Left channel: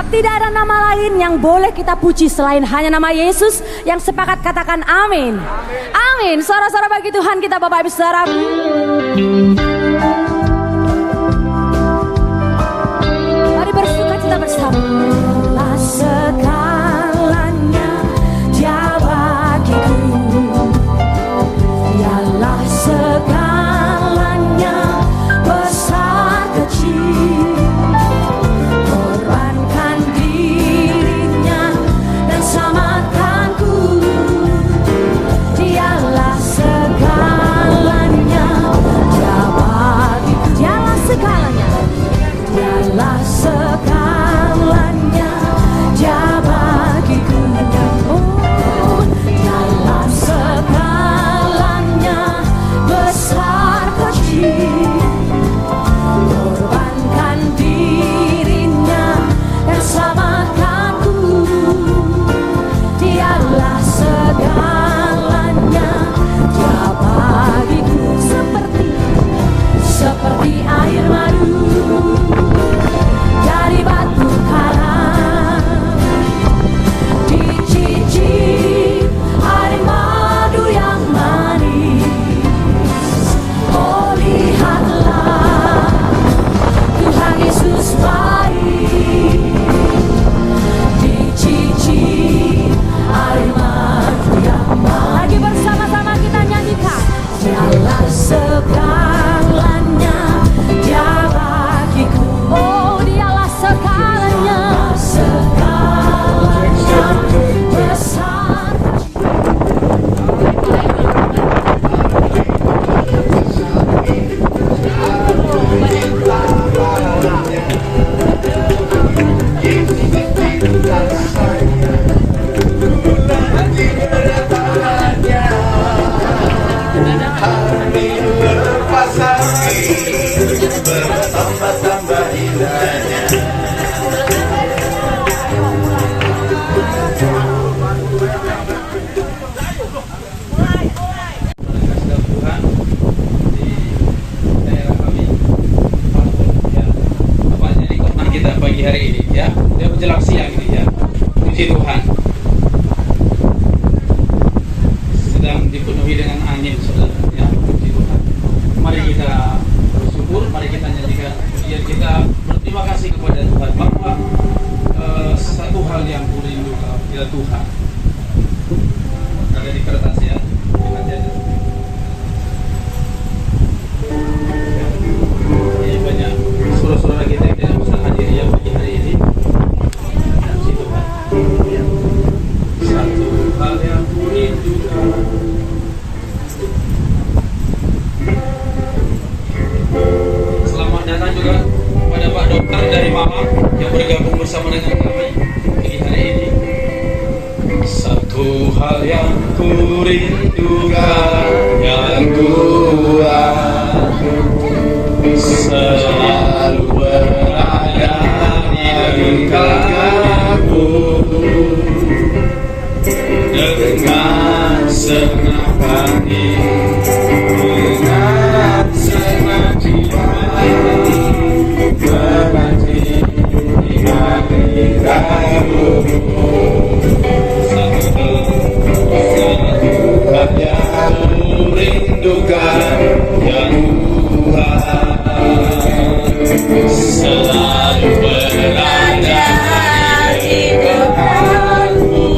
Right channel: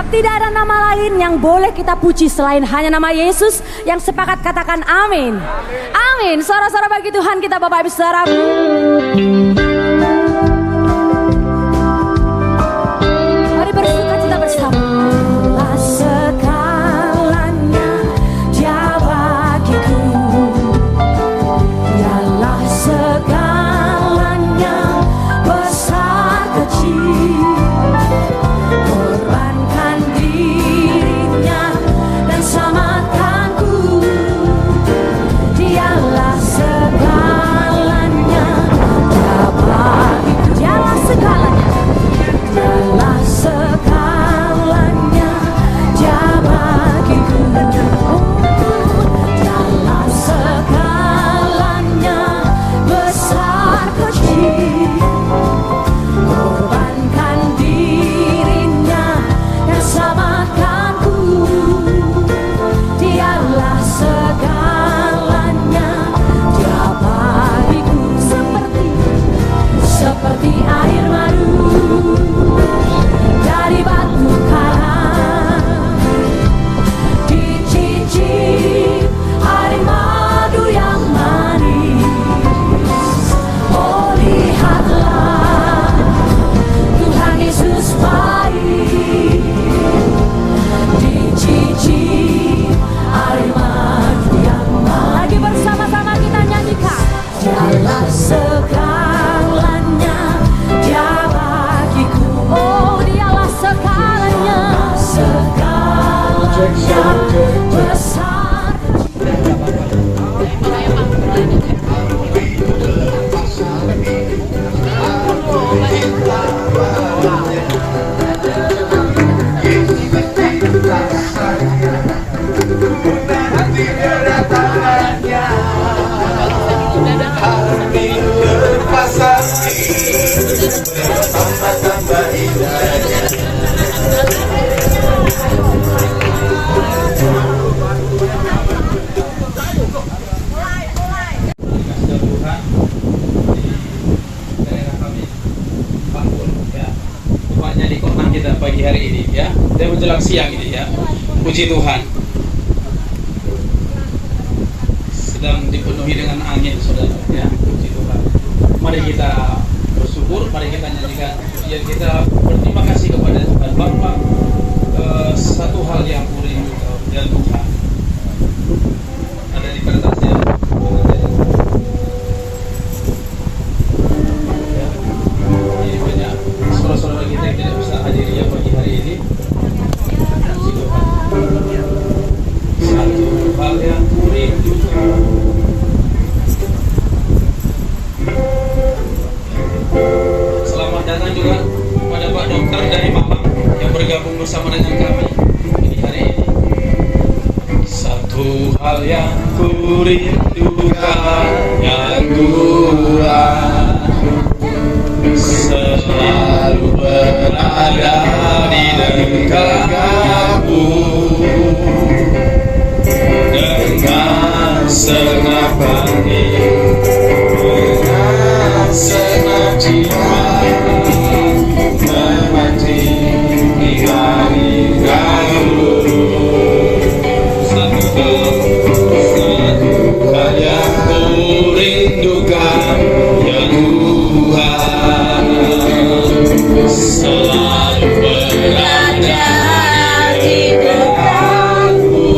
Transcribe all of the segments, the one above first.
Sebab tidak ada nama lain yang boleh kita puji selain hanya nama Yesus. Yang sepakat katakan amin. Amin. Suara-suara bagi Tuhan kita Bapak Ibu Saudara. Mari bersuka cita bersama. Allah segalanya Dia bagiku. Dialah segalanya besar kecil. Korbankan dirinya dan selamatkanku. Dialah segalanya Dia bagiku. Dialah segalanya. Dialah segalanya Dia bagiku. Oh, dialah segalanya besar kecil. Korbankan dirinya dan selamatkanku. Dialah segalanya Dia bagiku. Seperti air madu dari batu karang, dicicip air madu yang manis. Oh, lihatlah Tuhan Yesus baik, dicicip air madu yang manis. Lagi bersama-sama kita nyanyikan. Dialah segalanya Dia bagiku. Oh, dialah segalanya. Segalanya besar. Bertambah-tambah indahnya. Tuhan di daerah kami Pampun ya, apanya di kota kita pagi hari ini ya, dan menjelang siang ini ya, puji Tuhan sedang dipenuhi dengan angin saudara ya, puji Tuhan. Mari kita bersyukur, mari kita nyanyikan pujian kita, berterima kasih kepada Tuhan Bapa. Satu hal yang kurindukan ya Tuhan, ada di kertasnya. Ini banyak saudara-saudara kita yang tidak bisa hadir ya pagi hari ini. Puji Tuhan. Satu hal yang kurindukan. Selamat datang juga pada Pak Dokter dari Malang yang bergabung bersama dengan kami di hari ini. Satu hal yang kurindukan, yang kuat, selalu berada di dekatmu dengan senang hati, dengan senang jiwa, menanti di hari kamu. Satu hal yang kurindukan, ya Tuhan, selalu berada di dekatmu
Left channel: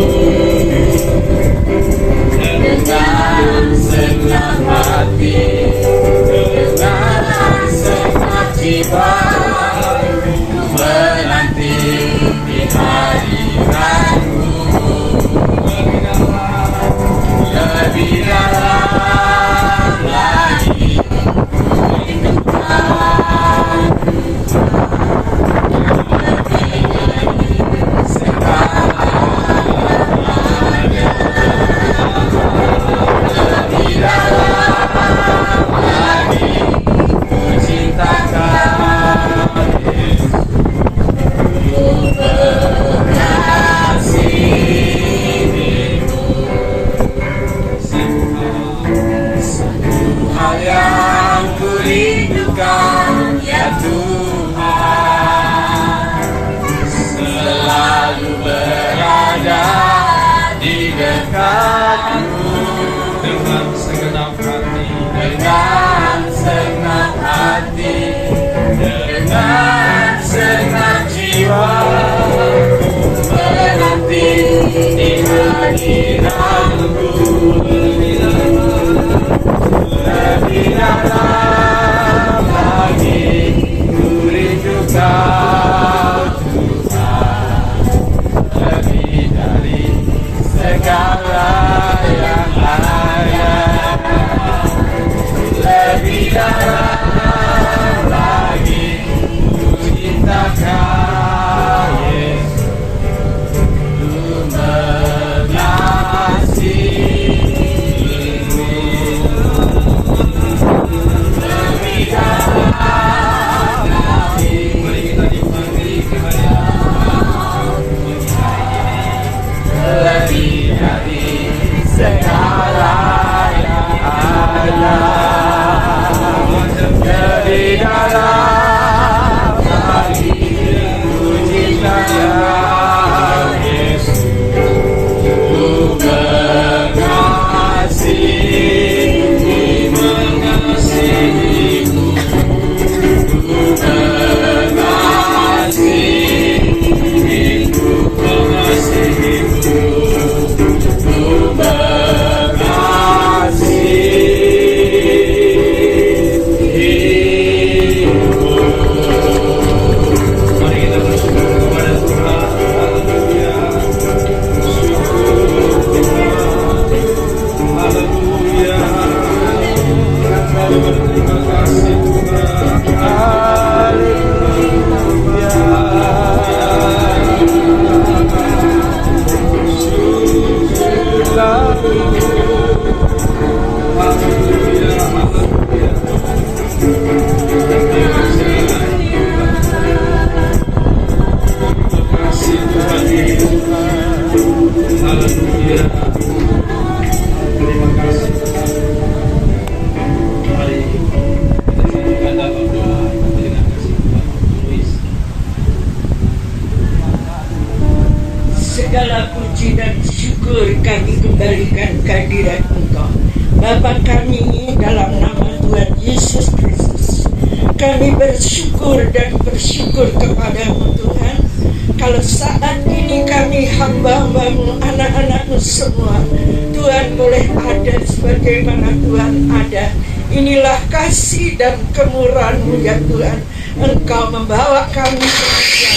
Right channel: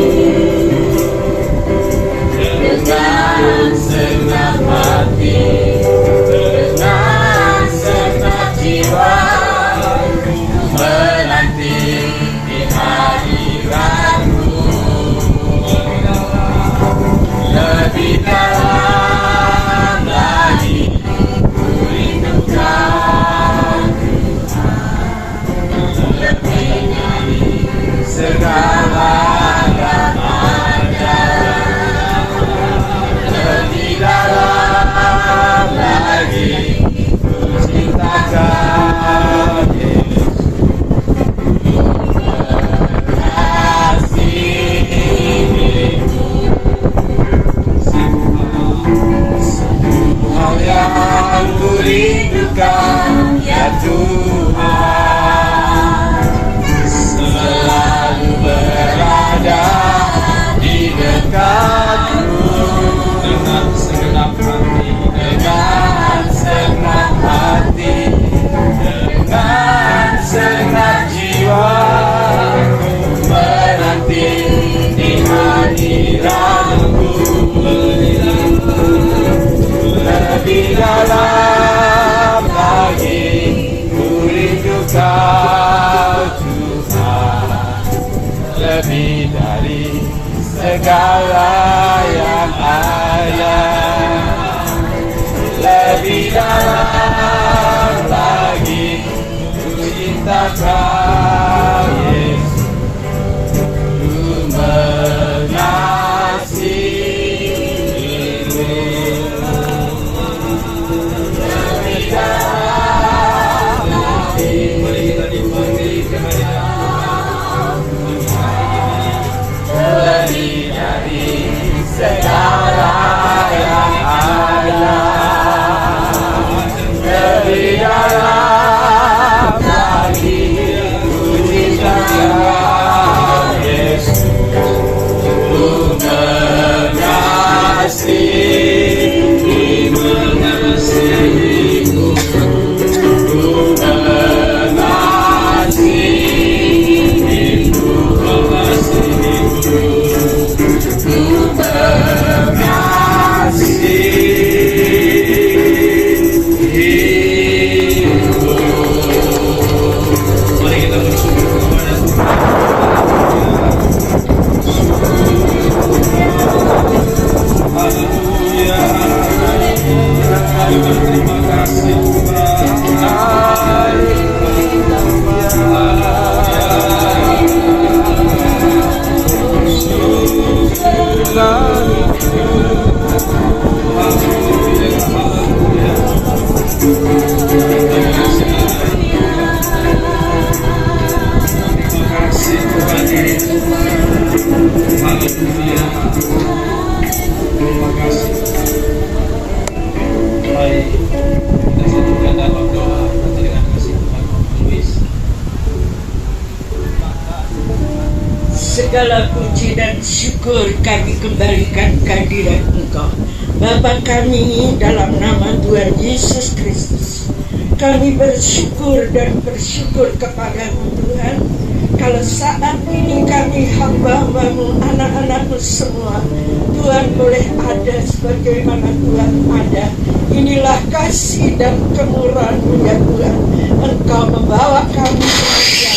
dengan segala yang ada, lebih dalam lagi ku cinta Kau Yesus, ku mengasihimu. Lebih dalam lagi, lebih dari segala yang ada, lebih dalam lagi ku cinta Kau Yesus, ku mengasihimu, ku Mari kita bersyukur kepada Tuhan. Haleluya. Berterima kasih Tuhan. Terima kasih. Mari kita satukan dalam doa dengan kasih Tuhan. Luis. Segala puji dan syukur kami kembalikan kehadirat Engkau, Bapa kami, dalam nama Tuhan Yesus Kristus. Kami bersyukur dan bersyukur kepadamu Tuhan, kalau saat ini kami hamba-hambamu, anak-anakmu semua, Tuhan boleh ada sebagaimana Tuhan ada. Inilah kasih dan kemurahan-Mu ya Tuhan. Engkau membawa kami belajar.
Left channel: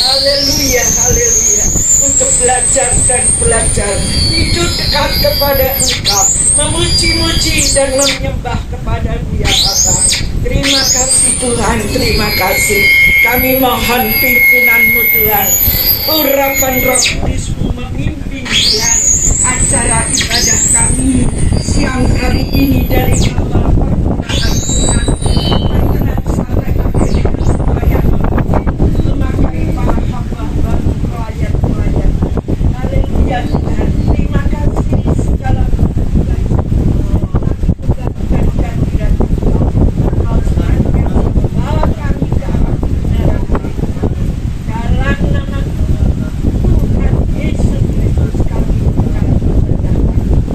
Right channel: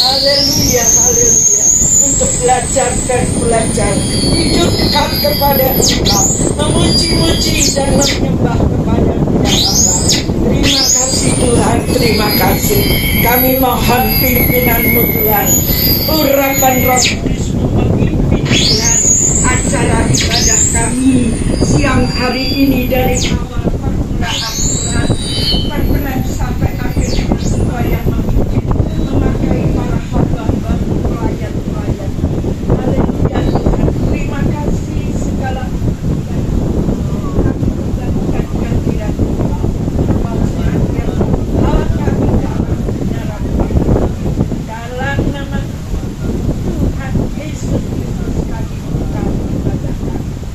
Haleluya, haleluya. Untuk belajar dan belajar, hidup dekat kepada Engkau, memuji-muji dan menyembah kepada Dia Allah. Terima kasih Tuhan, terima kasih. Kami mohon pimpinan-Mu Tuhan, urapan Roh Kudus-Mu memimpin Tuhan acara ibadah kami siang hari ini dari awal permulaan sampai akhir semua yang memakai para hamba-hamba pelayan-pelayan. Haleluya Tuhan, terima kasih segala kebaikan dan kehadiran Engkau. Engkau senantiasa membawa kami dalam kebenaran dalam nama Tuhan Yesus Kristus kami ibadah.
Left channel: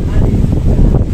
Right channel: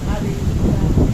Haleluya. Puji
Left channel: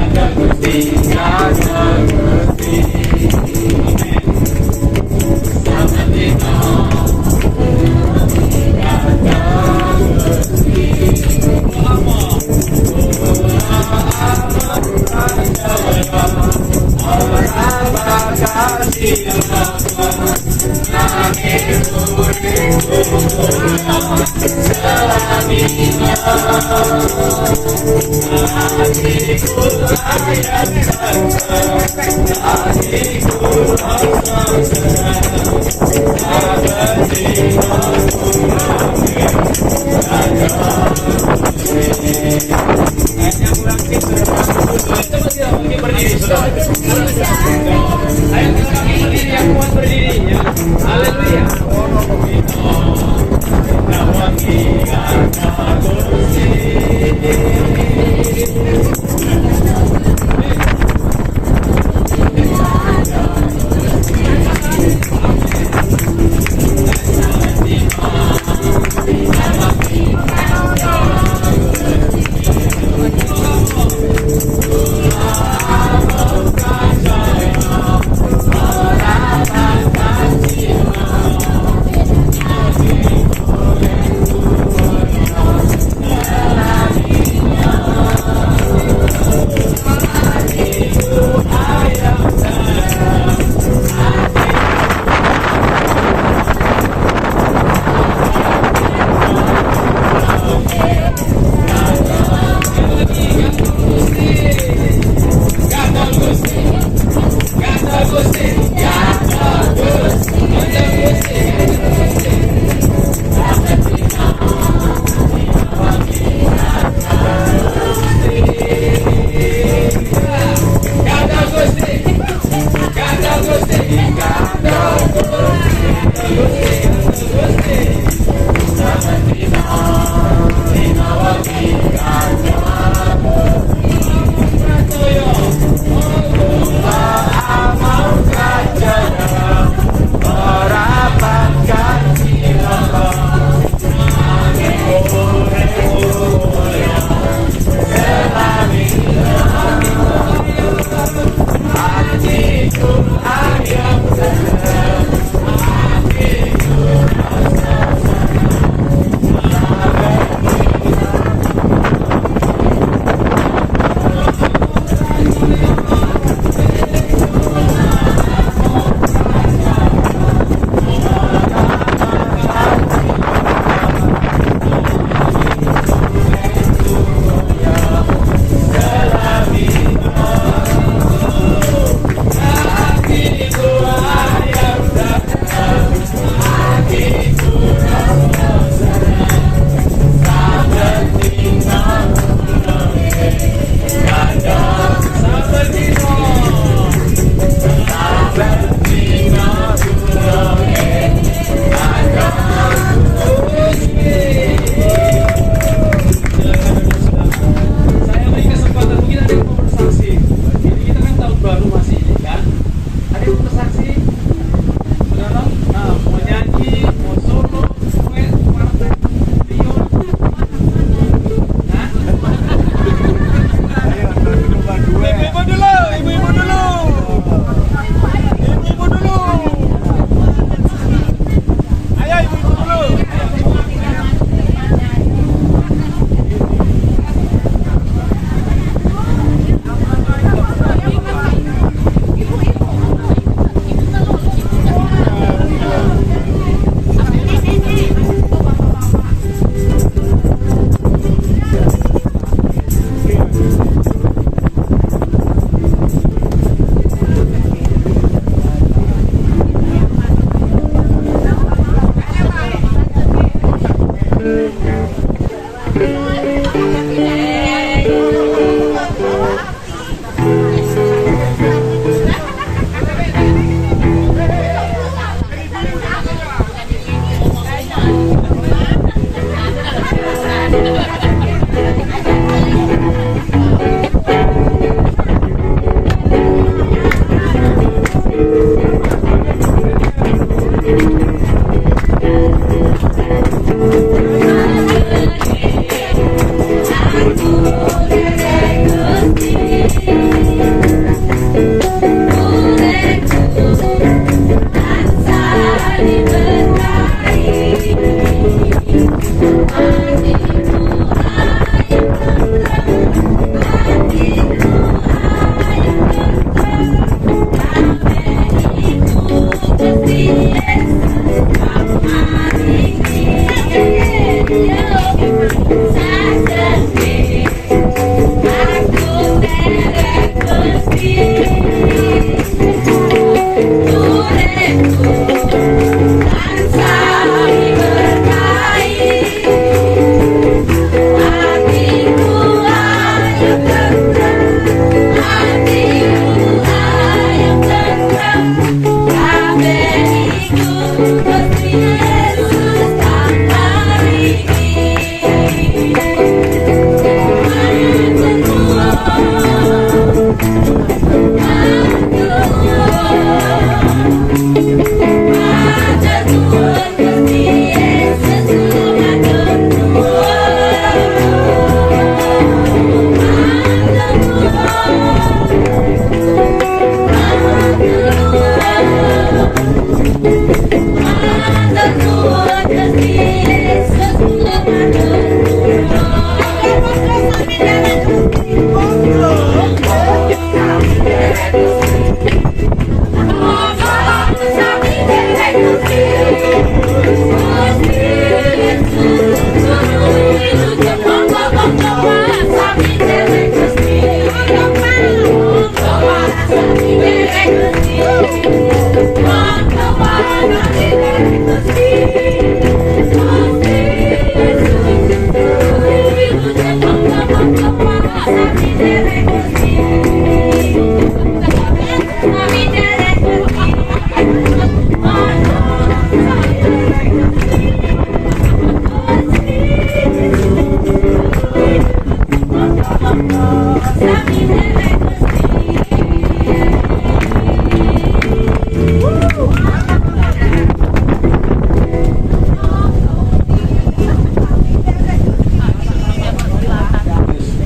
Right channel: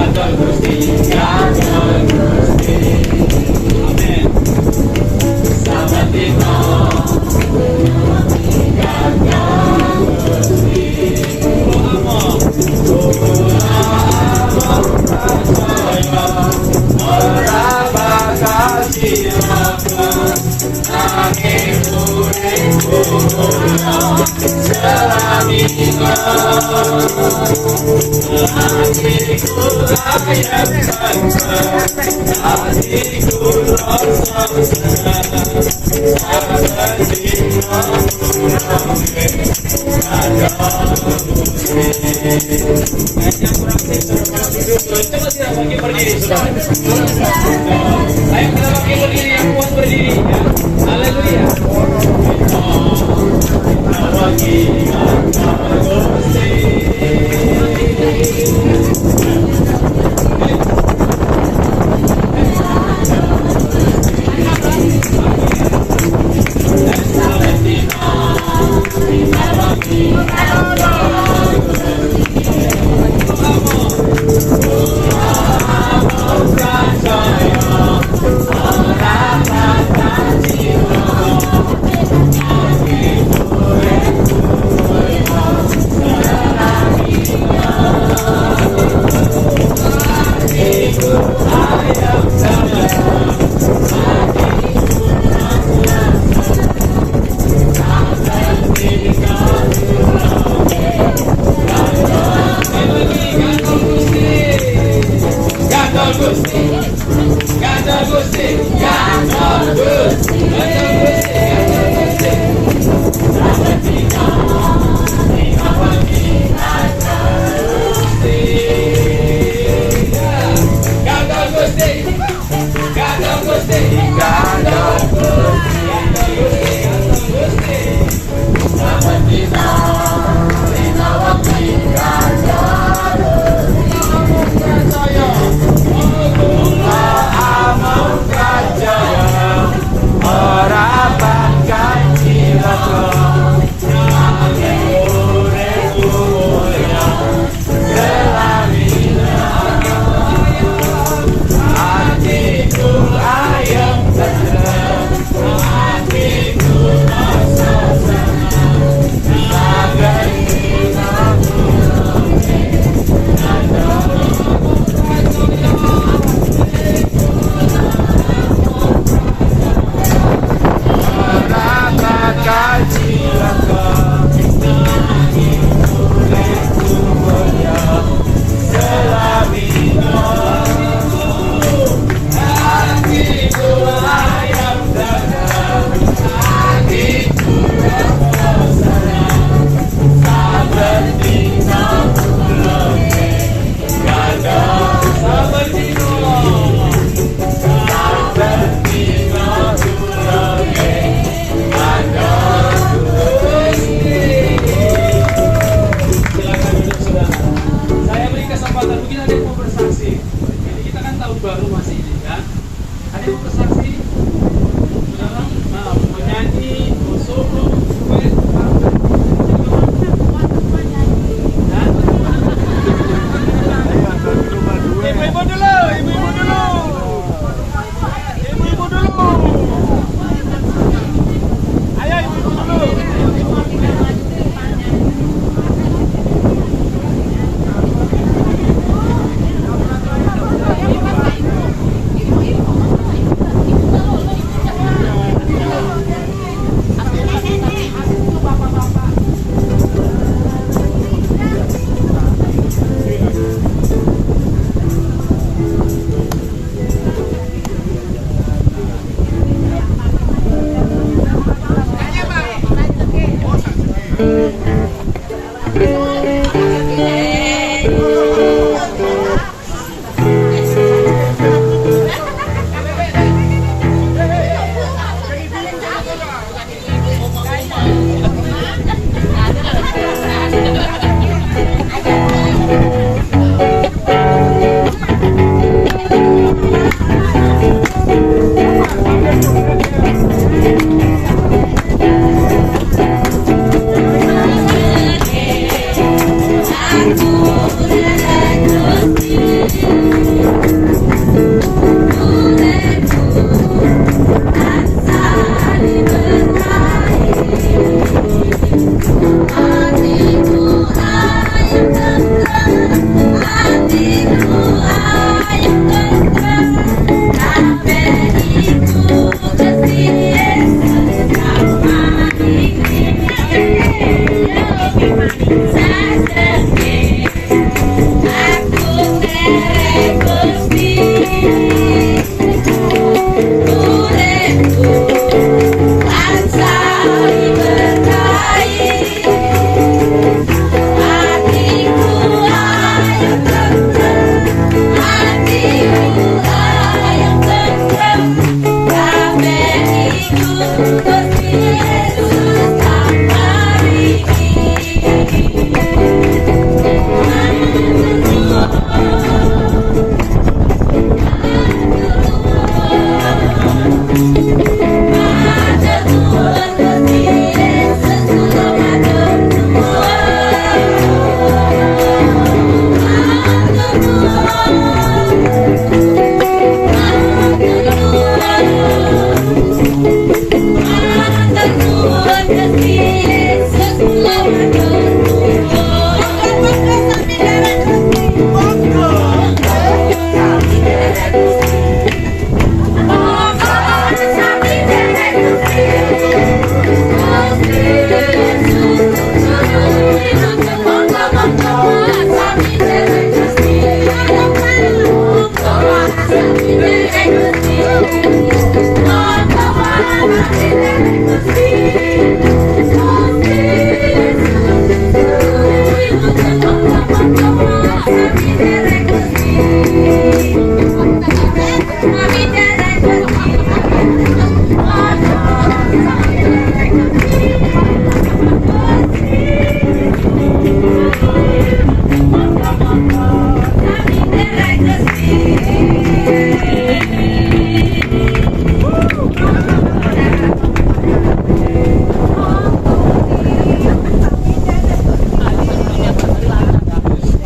Tuhan, puji Tuhan. Ayo kita bagi berdiri yang kuat berdirinya. Haleluya.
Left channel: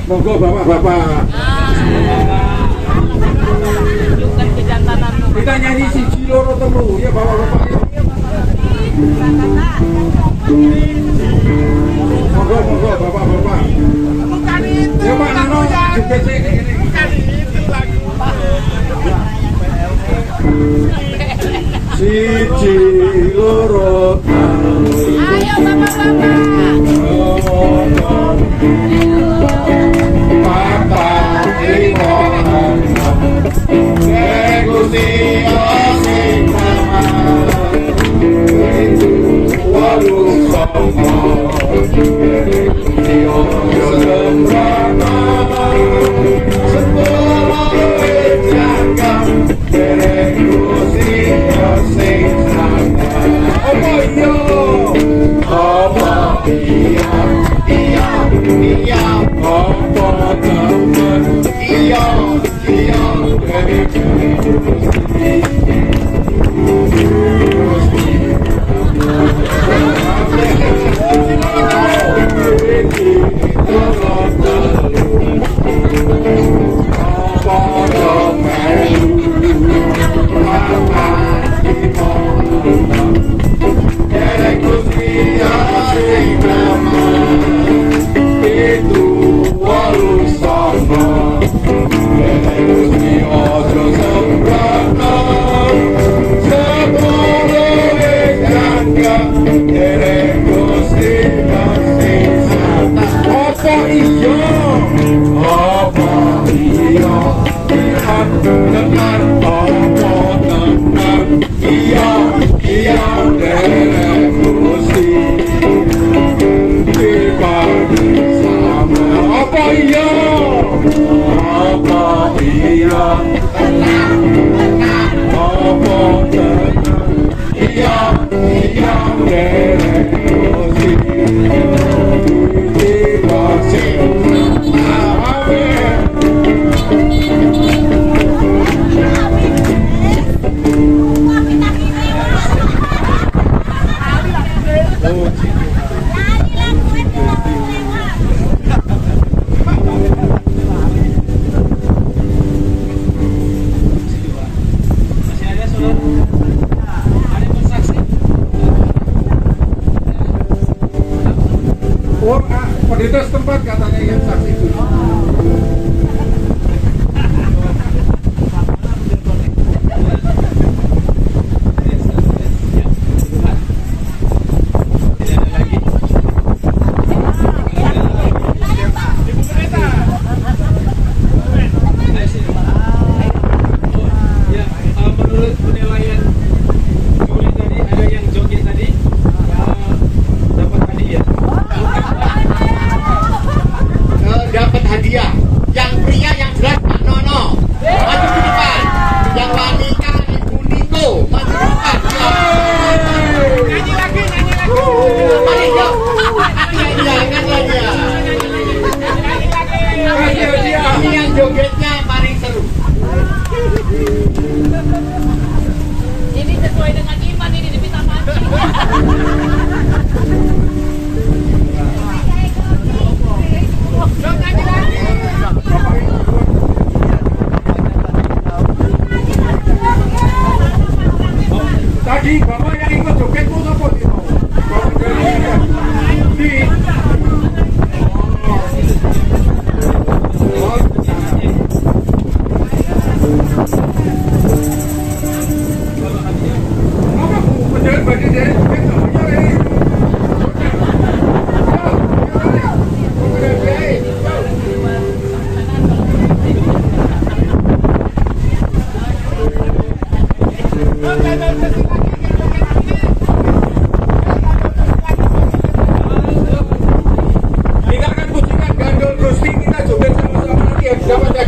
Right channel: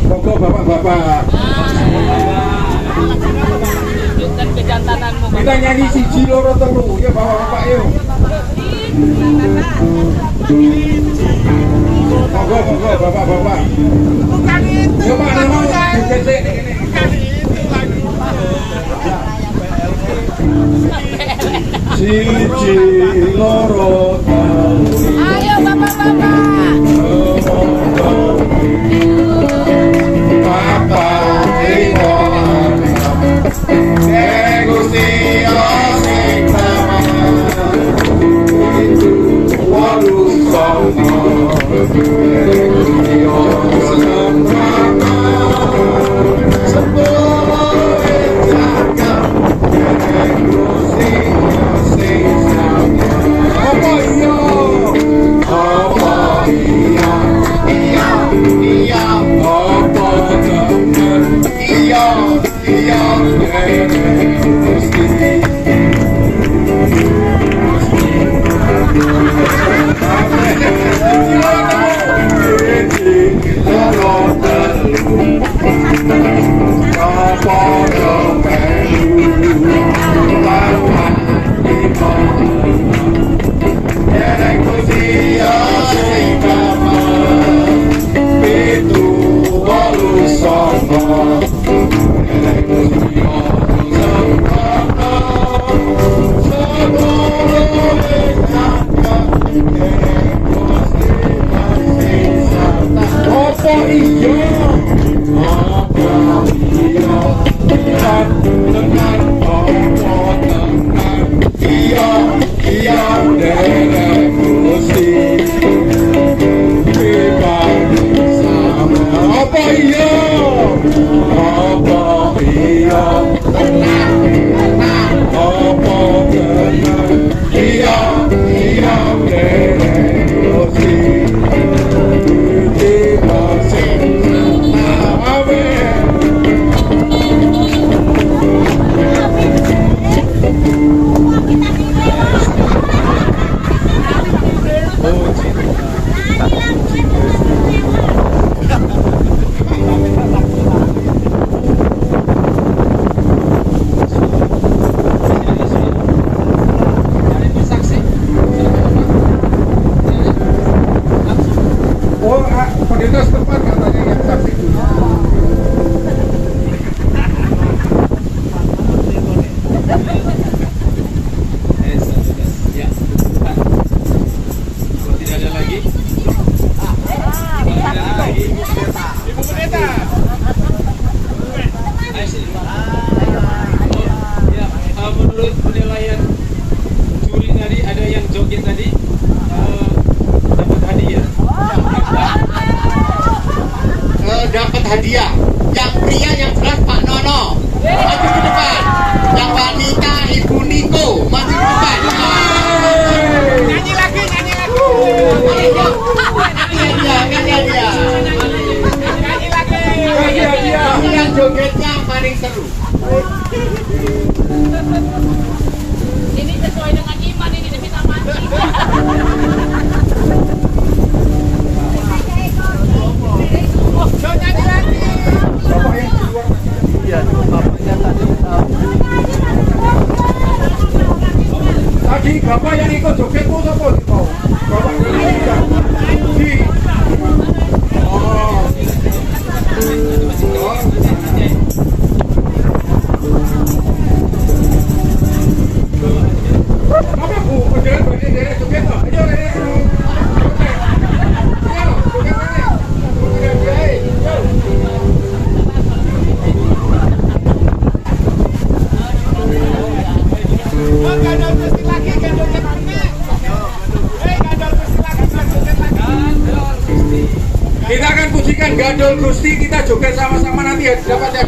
Monggo bapak-bapak. Kita nyanyi siji loro telu ya bapak-bapak yuk. Monggo bapak-bapak. Bapak Nono dikecek ini. Siji loro telu. Ayo bapak-bapak. Pendeta setempat katanya yang saksi itu. Tidak ada lagi. Ibu Pendeta. Ayo sini. Ya, menurut penilaian juri tadi ada yang joget tadi dapat hadiah. Dapat hadiah. Yang pria yang jelas Pak Nono maju ke depan. Yang wanita Ibu Niko maju ke depan. Nyanyi lagi. Ini yang jogetnya paling seru. Ini sesuai dengan iman ini kita mati. Tadi bapak yang ikut joget itu siapa itu? Bapak dari di. Apa bu? Kerjaan bagi dari joget nggak?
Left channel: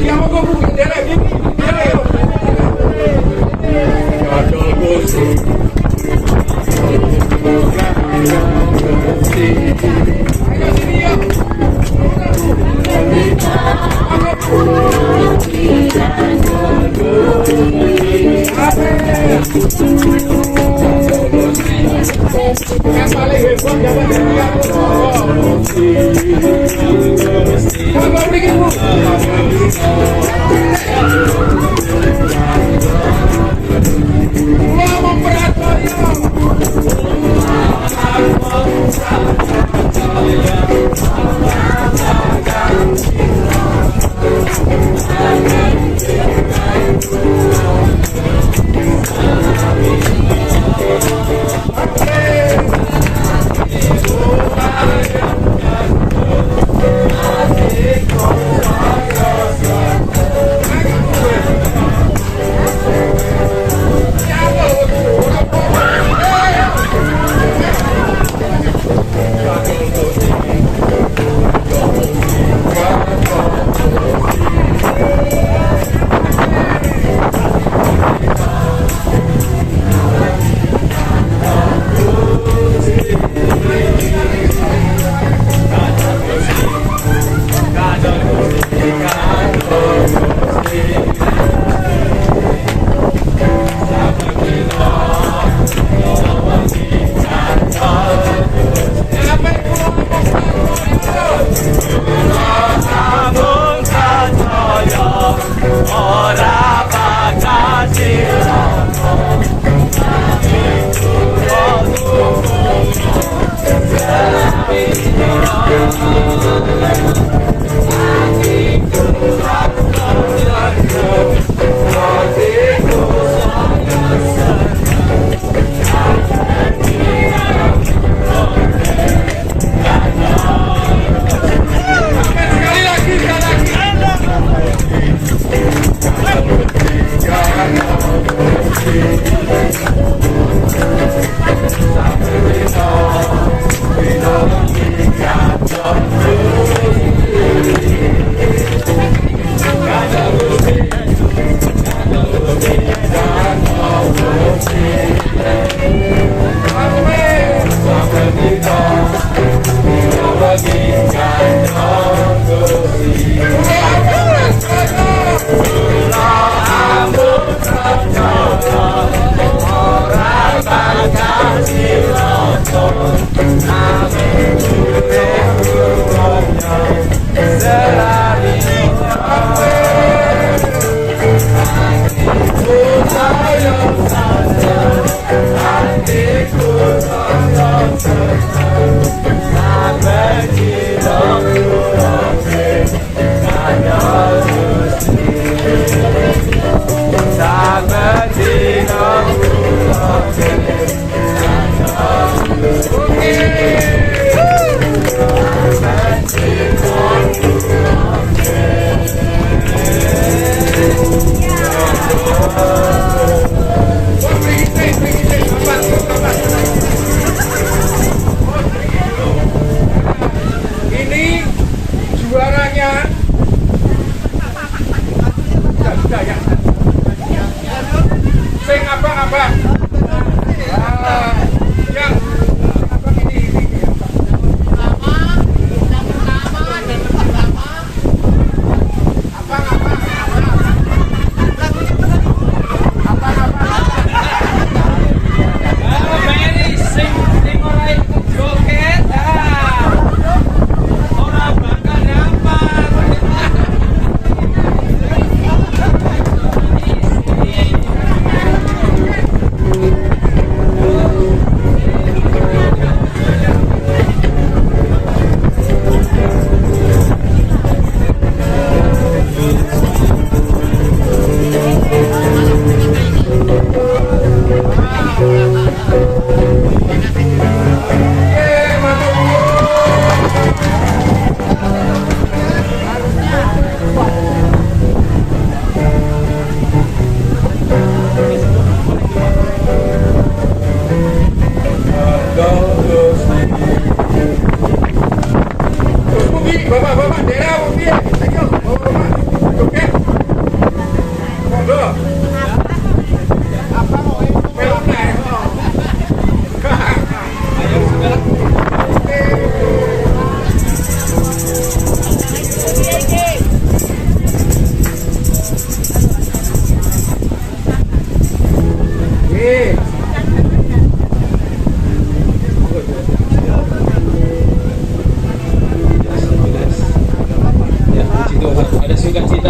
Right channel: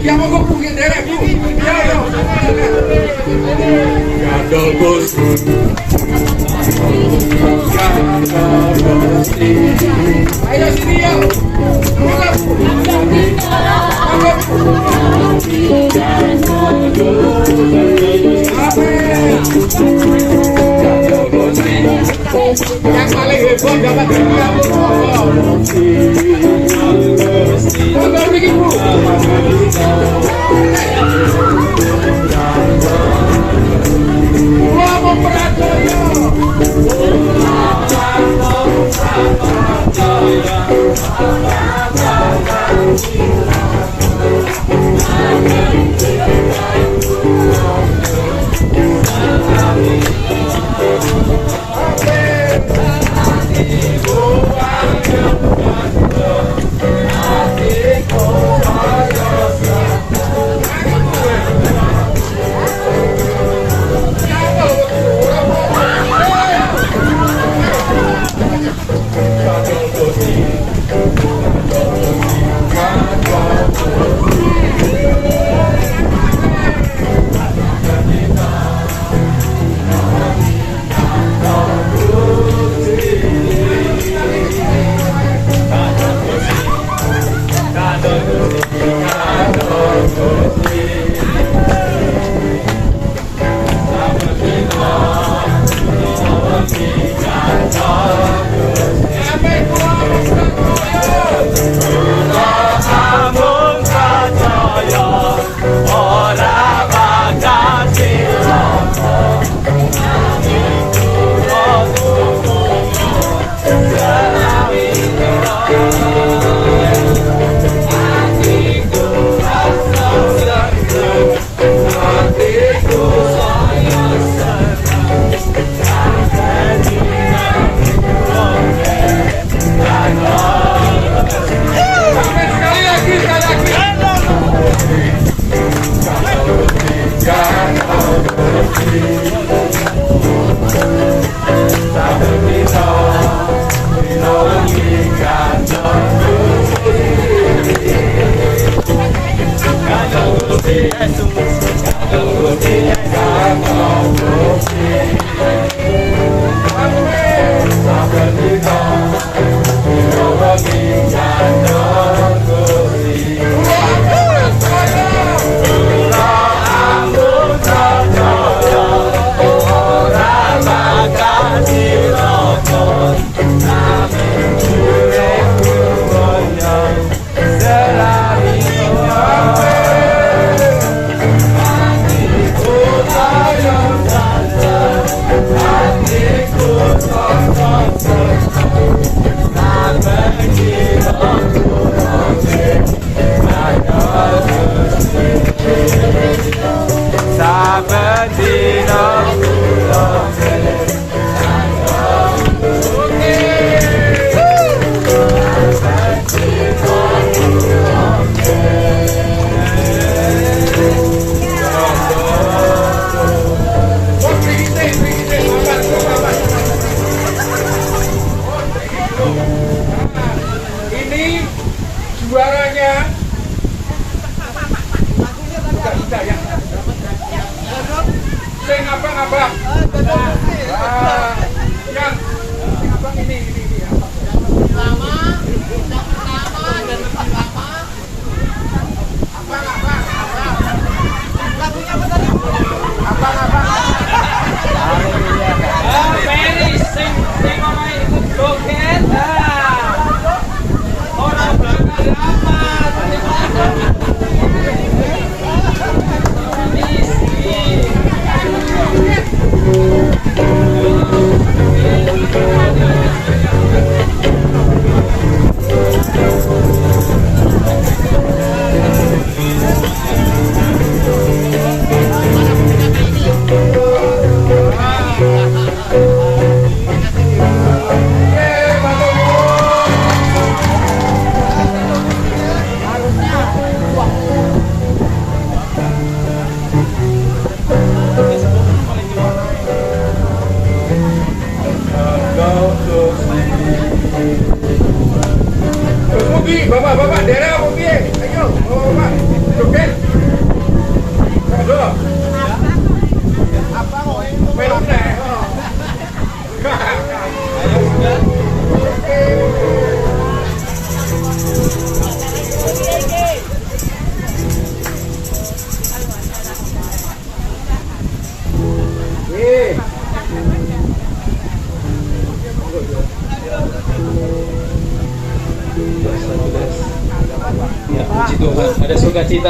Andiamo con un vedere vieni. Gadol Gusti. Ayo sini ya. Yang paling hebat dapat hadiah. Apa bikin bu? Pulau Memperatornya.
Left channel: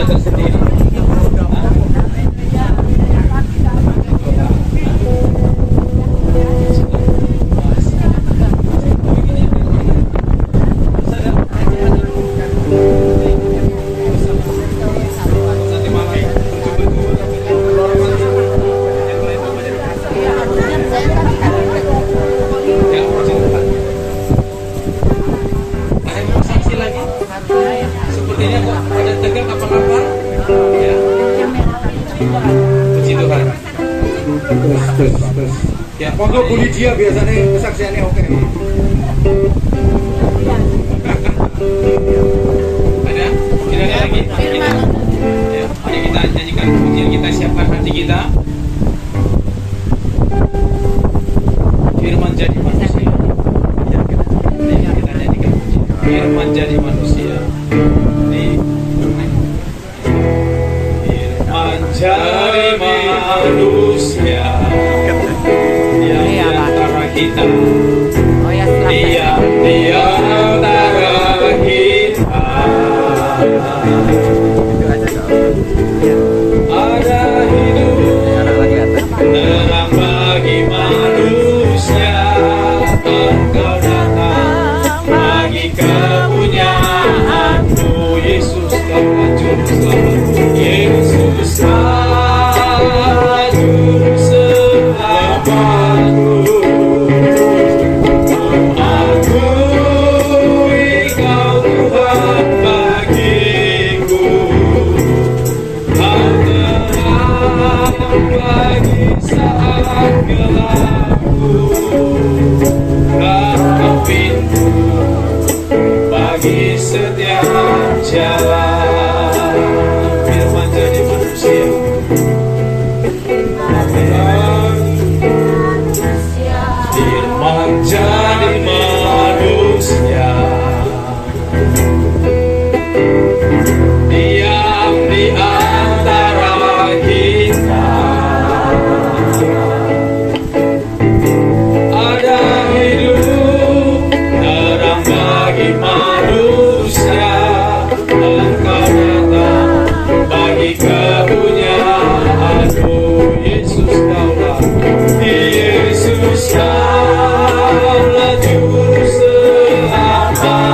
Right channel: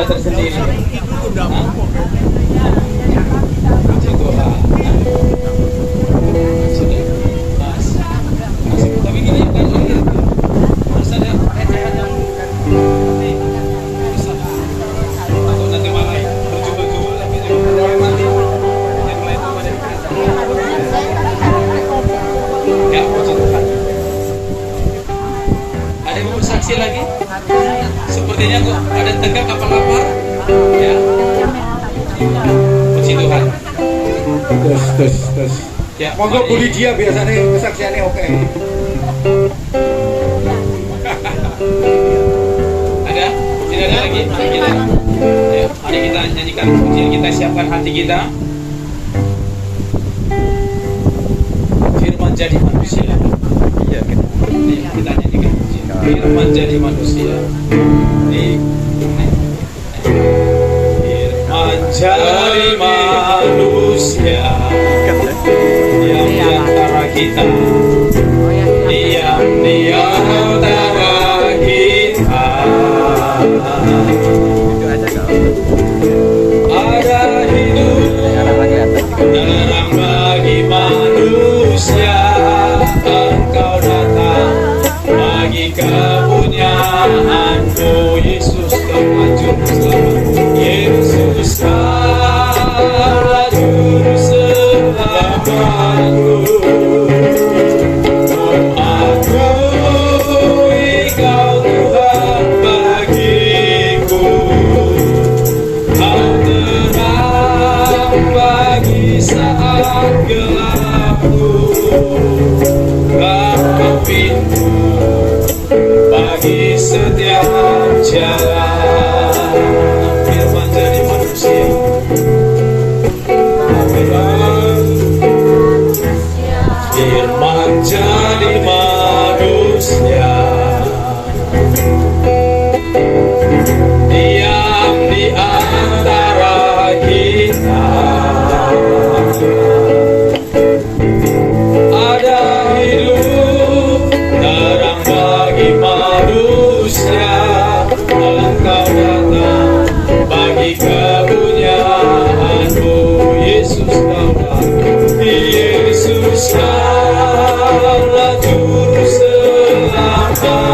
kita tersendiri. Puji Tuhan. Sudah. Tapi gini kan lagi harus ada recehan yang nanti malah berjubel-jubel tapi kalau orang mati ya, puji Tuhan. Ada yang mau saksi lagi? Sepertinya kok pada tegak apa-apa ya. Puji Tuhan. Terus. Ya, Monggo Bu Lydia biasanya kesaksiannya oke. Ada? Tidak ada lagi? Kita, ya, mari kita nyanyikan pujian, kita siapkan hati kita. Firman jadi manusia. Ya, kita nyanyikan pujian. Firman jadi manusia. Firman jadi manusia. Dia di antara kita. Dia di antara kita. Ada hidup terang bagi manusia. Engkau datang bagi kepunyaanmu. Yesus telah juru selamat. Yesus telah juru selamatku. Akui Kau Tuhan bagiku. Dan terang bagi saat gelapku. Kau pintu bagi setiap jalan. Firman jadi manusia. Firman jadi manusia. Diam di antara kita. Ada hidup terang bagi manusia. Engkau datang bagi kepunyaanmu. Yesus telah juru selamatku.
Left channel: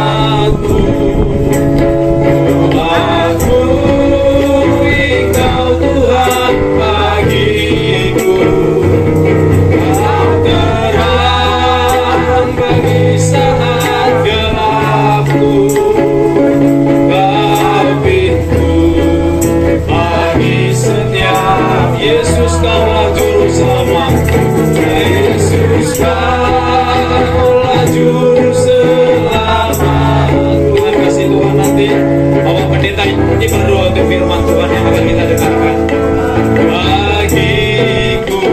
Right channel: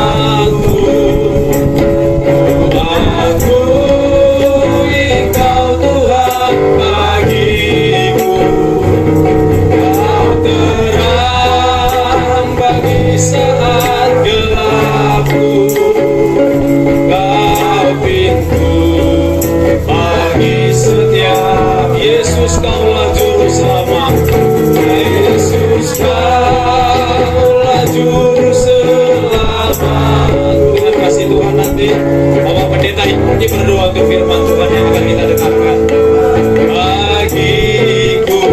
Akui Kau Tuhan bagiku. Kau terang bagi saat gelapku. Kau pintu bagi setiap. Yesus Kaulah juru selamatku. Yesus Kaulah juru selamat. Dengan kasih Tuhan nanti Bapak Pendeta ini berdoa untuk firman Tuhan yang akan kita dengarkan. Bagiku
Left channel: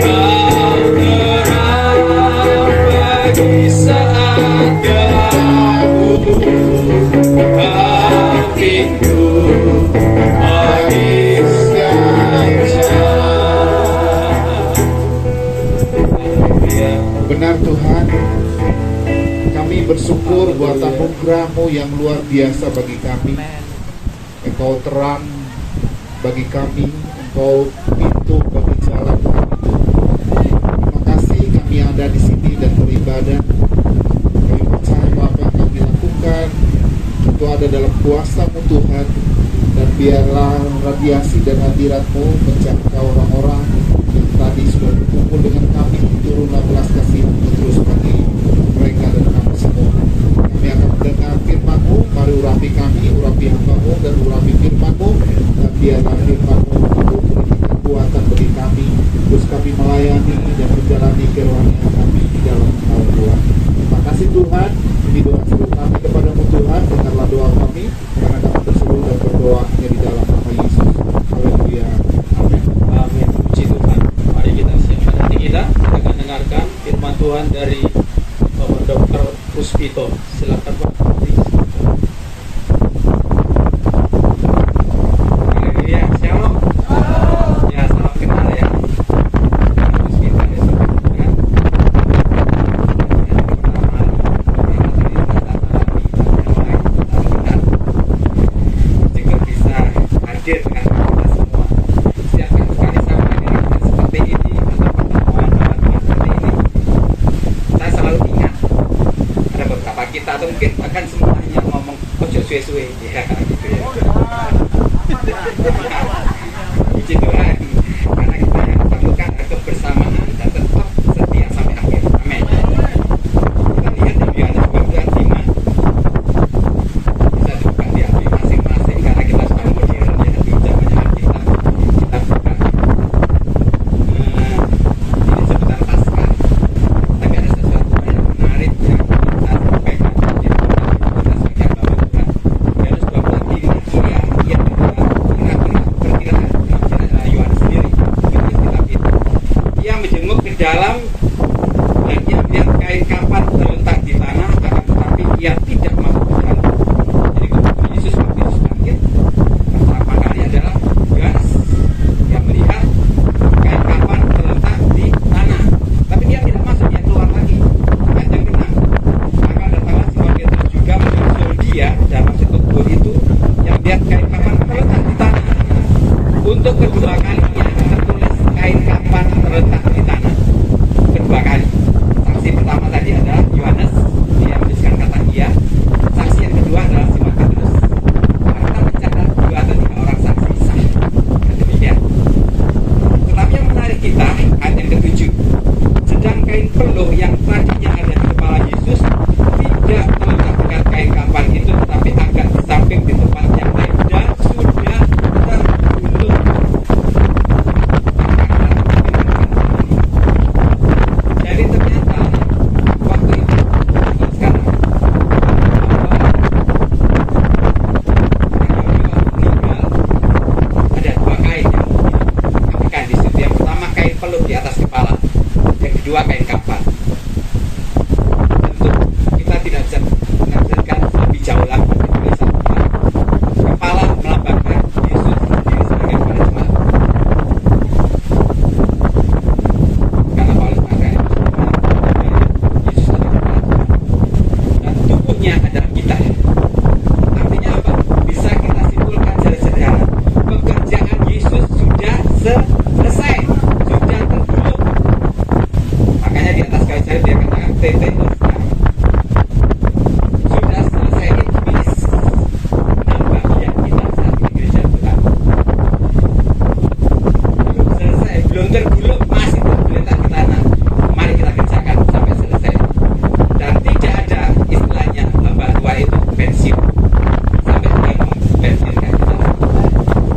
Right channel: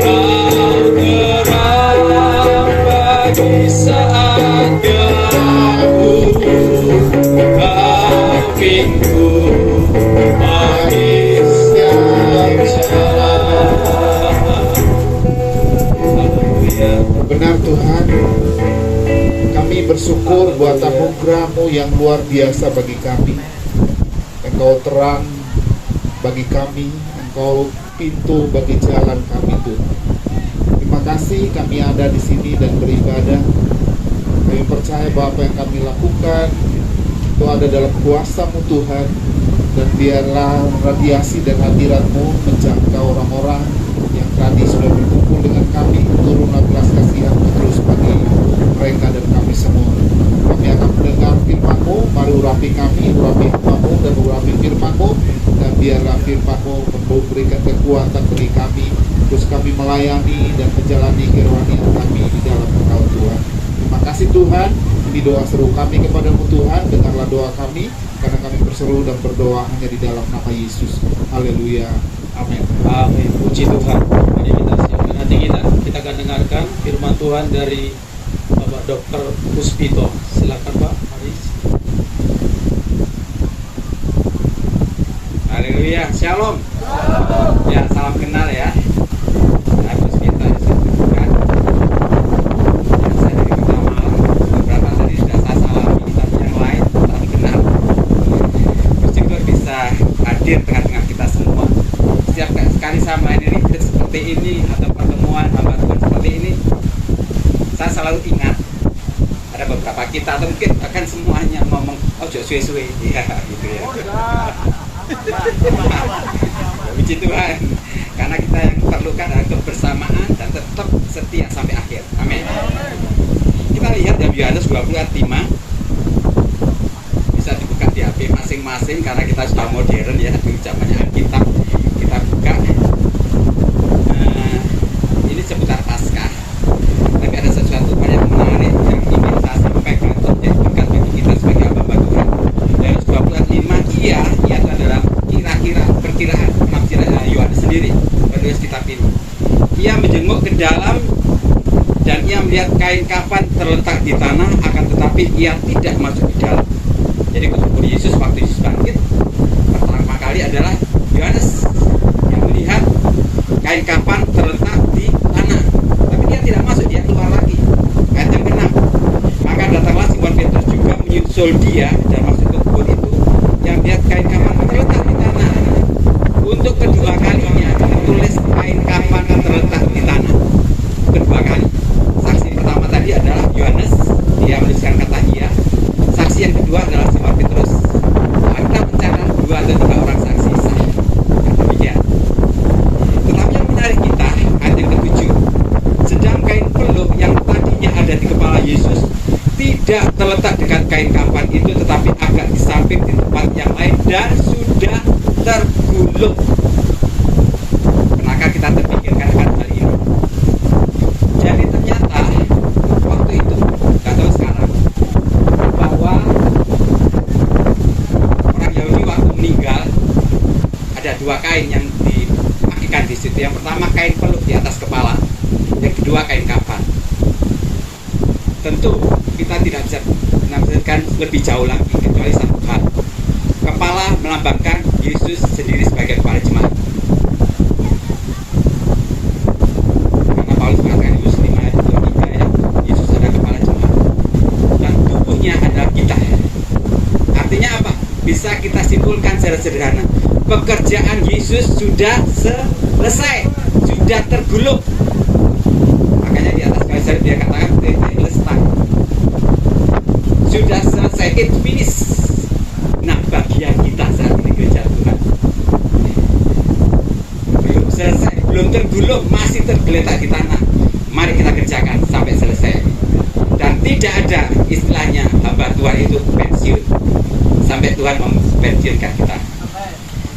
Kau terang bagi saat gelapku. Kau pintu bagi setiap Benar Tuhan, kami bersyukur buat anugerah-Mu yang luar biasa bagi kami. Engkau terang bagi kami, Engkau pintu bagi jalan kami Tuhan. Terima kasih kami ada di sini dan beribadah. Kami percaya bahwa apa yang kami lakukan itu ada dalam kuasa-Mu Tuhan. Dan biarlah radiasi dan hadirat-Mu menjangkau orang-orang yang tadi sudah berkumpul dengan kami. Turunlah belas kasihan terus bagi mereka dan kami semua. Kami akan mendengar firman-Mu. Mari urapi kami, urapi hamba-Mu dan urapi firman-Mu. Dan biarlah firman-Mu memberikan kekuatan bagi kami. Terus kami melayani dan menjalani kerohanian kami di dalam Engkau Tuhan. Terima kasih Tuhan. Ini doa seru kami kepadamu Tuhan. Dengarlah doa kami, karena kami berseru dan berdoa hanya di dalam nama Yesus. Haleluya. Amin. Amin. Puji Tuhan. Mari kita siapkan hati kita. Kita akan dengarkan firman Tuhan dari Bapak Dr. Puspito. Silakan Pak. Haleluya. Shalom. Ya, salam kenal ya. Saya Puspito ya, kan. Saya kenal beberapa tadi sudah saya salami dan yang lain salam kenal. Bersyukur bisa tengah-tengah kita semua. Setiap kali saya menghadiri retreat seperti ini atau pertemuan hamba Tuhan seperti ini, saya selalu ingat ada beberapa kita atau mungkin bahkan semuanya ngomong ojo suwe-suwe ya, gitu ya. Puji Tuhan, karena kita yang perlukan adalah kebersamaan dan tetap setia sampai akhir. Amin. Kita lihat dalam Yohanes 20 ayat 5, bisa dibuka di HP masing-masing karena kita sudah modern ya, di zamannya Alkitab kita buka. Ini seputar Paskah, tapi ada sesuatu yang menarik yang ingin saya sampaikan ya, bagi kita sebagai hamba Tuhan. Yohanes 20 ayat 5, ia adalah perkiraan Yohanes sendiri menulis kitab ini. Ia menjenguk ke dalam dan ia melihat kain kafan terletak di tanah, akan tetapi ia tidak masuk ke dalam. Jadi kubur Yesus waktu Yesus bangkit pertama kali adalah Yohanes yang melihat kain kafan terletak di tanah, tapi dia tidak masuk, dia keluar lagi. Ayat yang ke-6, maka datanglah Simon Petrus juga menyusul dia dan masuk ke kubur itu yang melihat kain kafan terletak di tanah. Untuk kedua kalinya ditulis kain kafan terletak di tanah. Kedua kali. Saksi pertama tadi adalah Yohanes, dia menuliskan kata iya. Saksi yang kedua adalah Simon Petrus. Nah, kita mencatat 2 atau 3 orang saksi sah. Demikian. Tetapi yang menarik kita, ayat yang ke-7, sedang kain peluh yang tadinya ada di kepala Yesus tidak terletak dekat kain kafan itu, tetapi agak di samping di tempat yang lain dan sudah tergulung. Maka kita terpikirkan pada ini. Jadi ternyata waktu itu atau sekarang bahwa orang Yahudi waktu meninggal ada 2 kain yang dipakai di situ. Yang pertama kain peluh di atas kepala, yang kedua kain kafan. Tentu kita tidak bisa menafsirkan lebih jauh lagi kecuali satu hal. Kepala melambangkan Yesus sendiri sebagai kepala jemaat. Karena Paulus mengatakan Yesus Yesus sebagai kepala jemaat. Dan tubuhnya adalah kita. Artinya apa? Bisa kita simpulkan secara sederhana. Pekerjaan Yesus sudah selesai, sudah tergulung. Makanya di atas kayu salib dia katakan tetelestai. Sudah selesai, it's finished. Nah, bagian kita saat ini gereja Tuhan belum selesai, belum tergulung, masih tergeletak di tanah. Mari kita kerjakan sampai selesai. Dan tidak ada istilahnya hamba Tuhan itu pensiun sampai Tuhan mempensiunkan kita.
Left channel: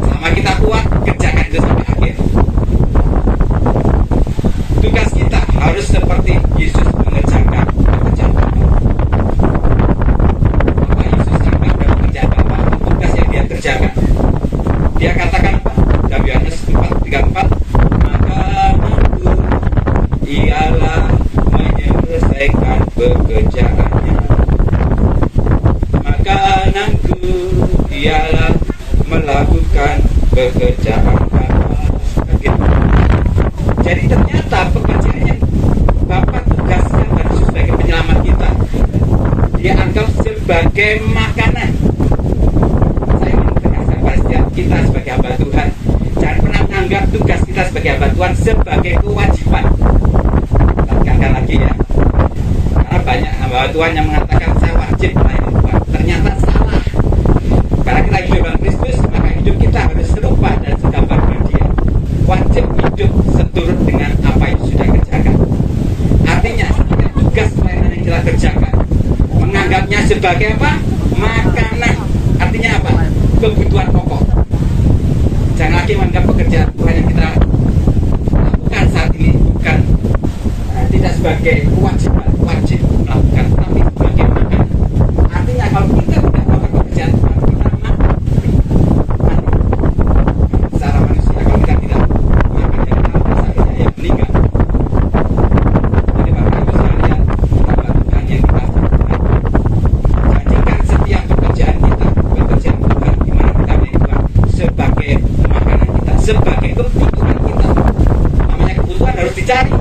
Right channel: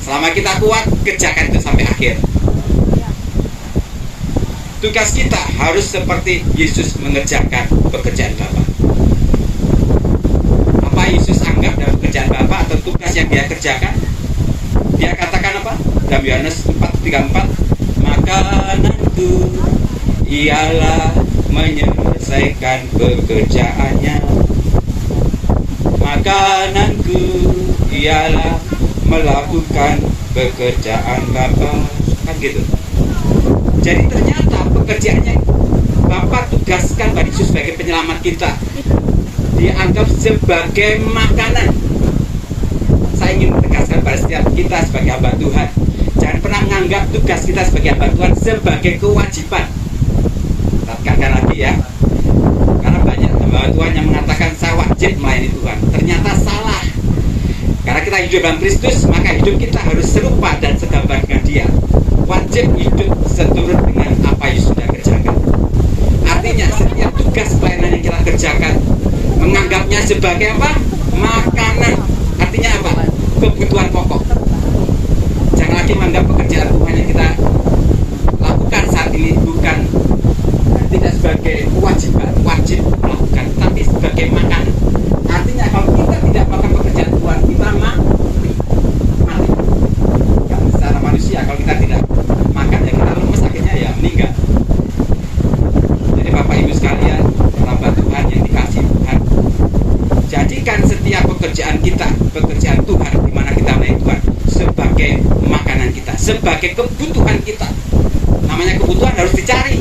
Selama kita kuat, kerjakan itu sampai akhir. Tugas kita harus seperti Yesus mengerjakan pekerjaan Bapa. Apa Yesus anggap dalam pekerjaan Bapa atau tugas yang dia kerjakan? Dia katakan apa? Dalam Yohanes 4:34, makananku ialah menyelesaikan pekerjaannya. Makananku ialah melakukan pekerjaan Bapa. Kan gitu. Jadi ternyata pekerjaannya Bapa tugaskan pada Yesus sebagai penyelamat kita. Dia anggap sebagai makanan. Saya ingin tegaskan pada setiap kita sebagai hamba Tuhan, jangan pernah menganggap tugas kita sebagai hamba Tuhan sebagai kewajiban. Tekankan lagi ya. Karena banyak hamba Tuhan yang mengatakan saya wajib melayani Tuhan. Ternyata salah. Karena kita hidup dalam Kristus, maka hidup kita harus serupa dan segambar dengan Dia. Wajib hidup seturut dengan apa yang sudah kerjakan. Artinya setiap tugas pelayanan yang kita kerjakan menganggapnya sebagai apa? Makanan. Artinya apa? Kebutuhan pokok. Jangan lagi menganggap pekerjaan Tuhan yang kita lakukan saat ini bukan tidak sebagai kewajiban, wajib melakukan, tapi sebagai makanan. Artinya kalau kita tidak melakukan pekerjaan Tuhan, kita mati. Ya, secara manusia kalau kita tidak makan, ya kita rumah sakitnya ya meninggal. Jadi Bapak Ibu sekalian, hamba Tuhan yang dikasihi Tuhan, jadikan setiap pekerjaan kita, pekerjaan Tuhan, di mana kita melayani Tuhan, sebagai makanan kita, sebagai kebutuhan kita. Namanya kebutuhan harus dicari.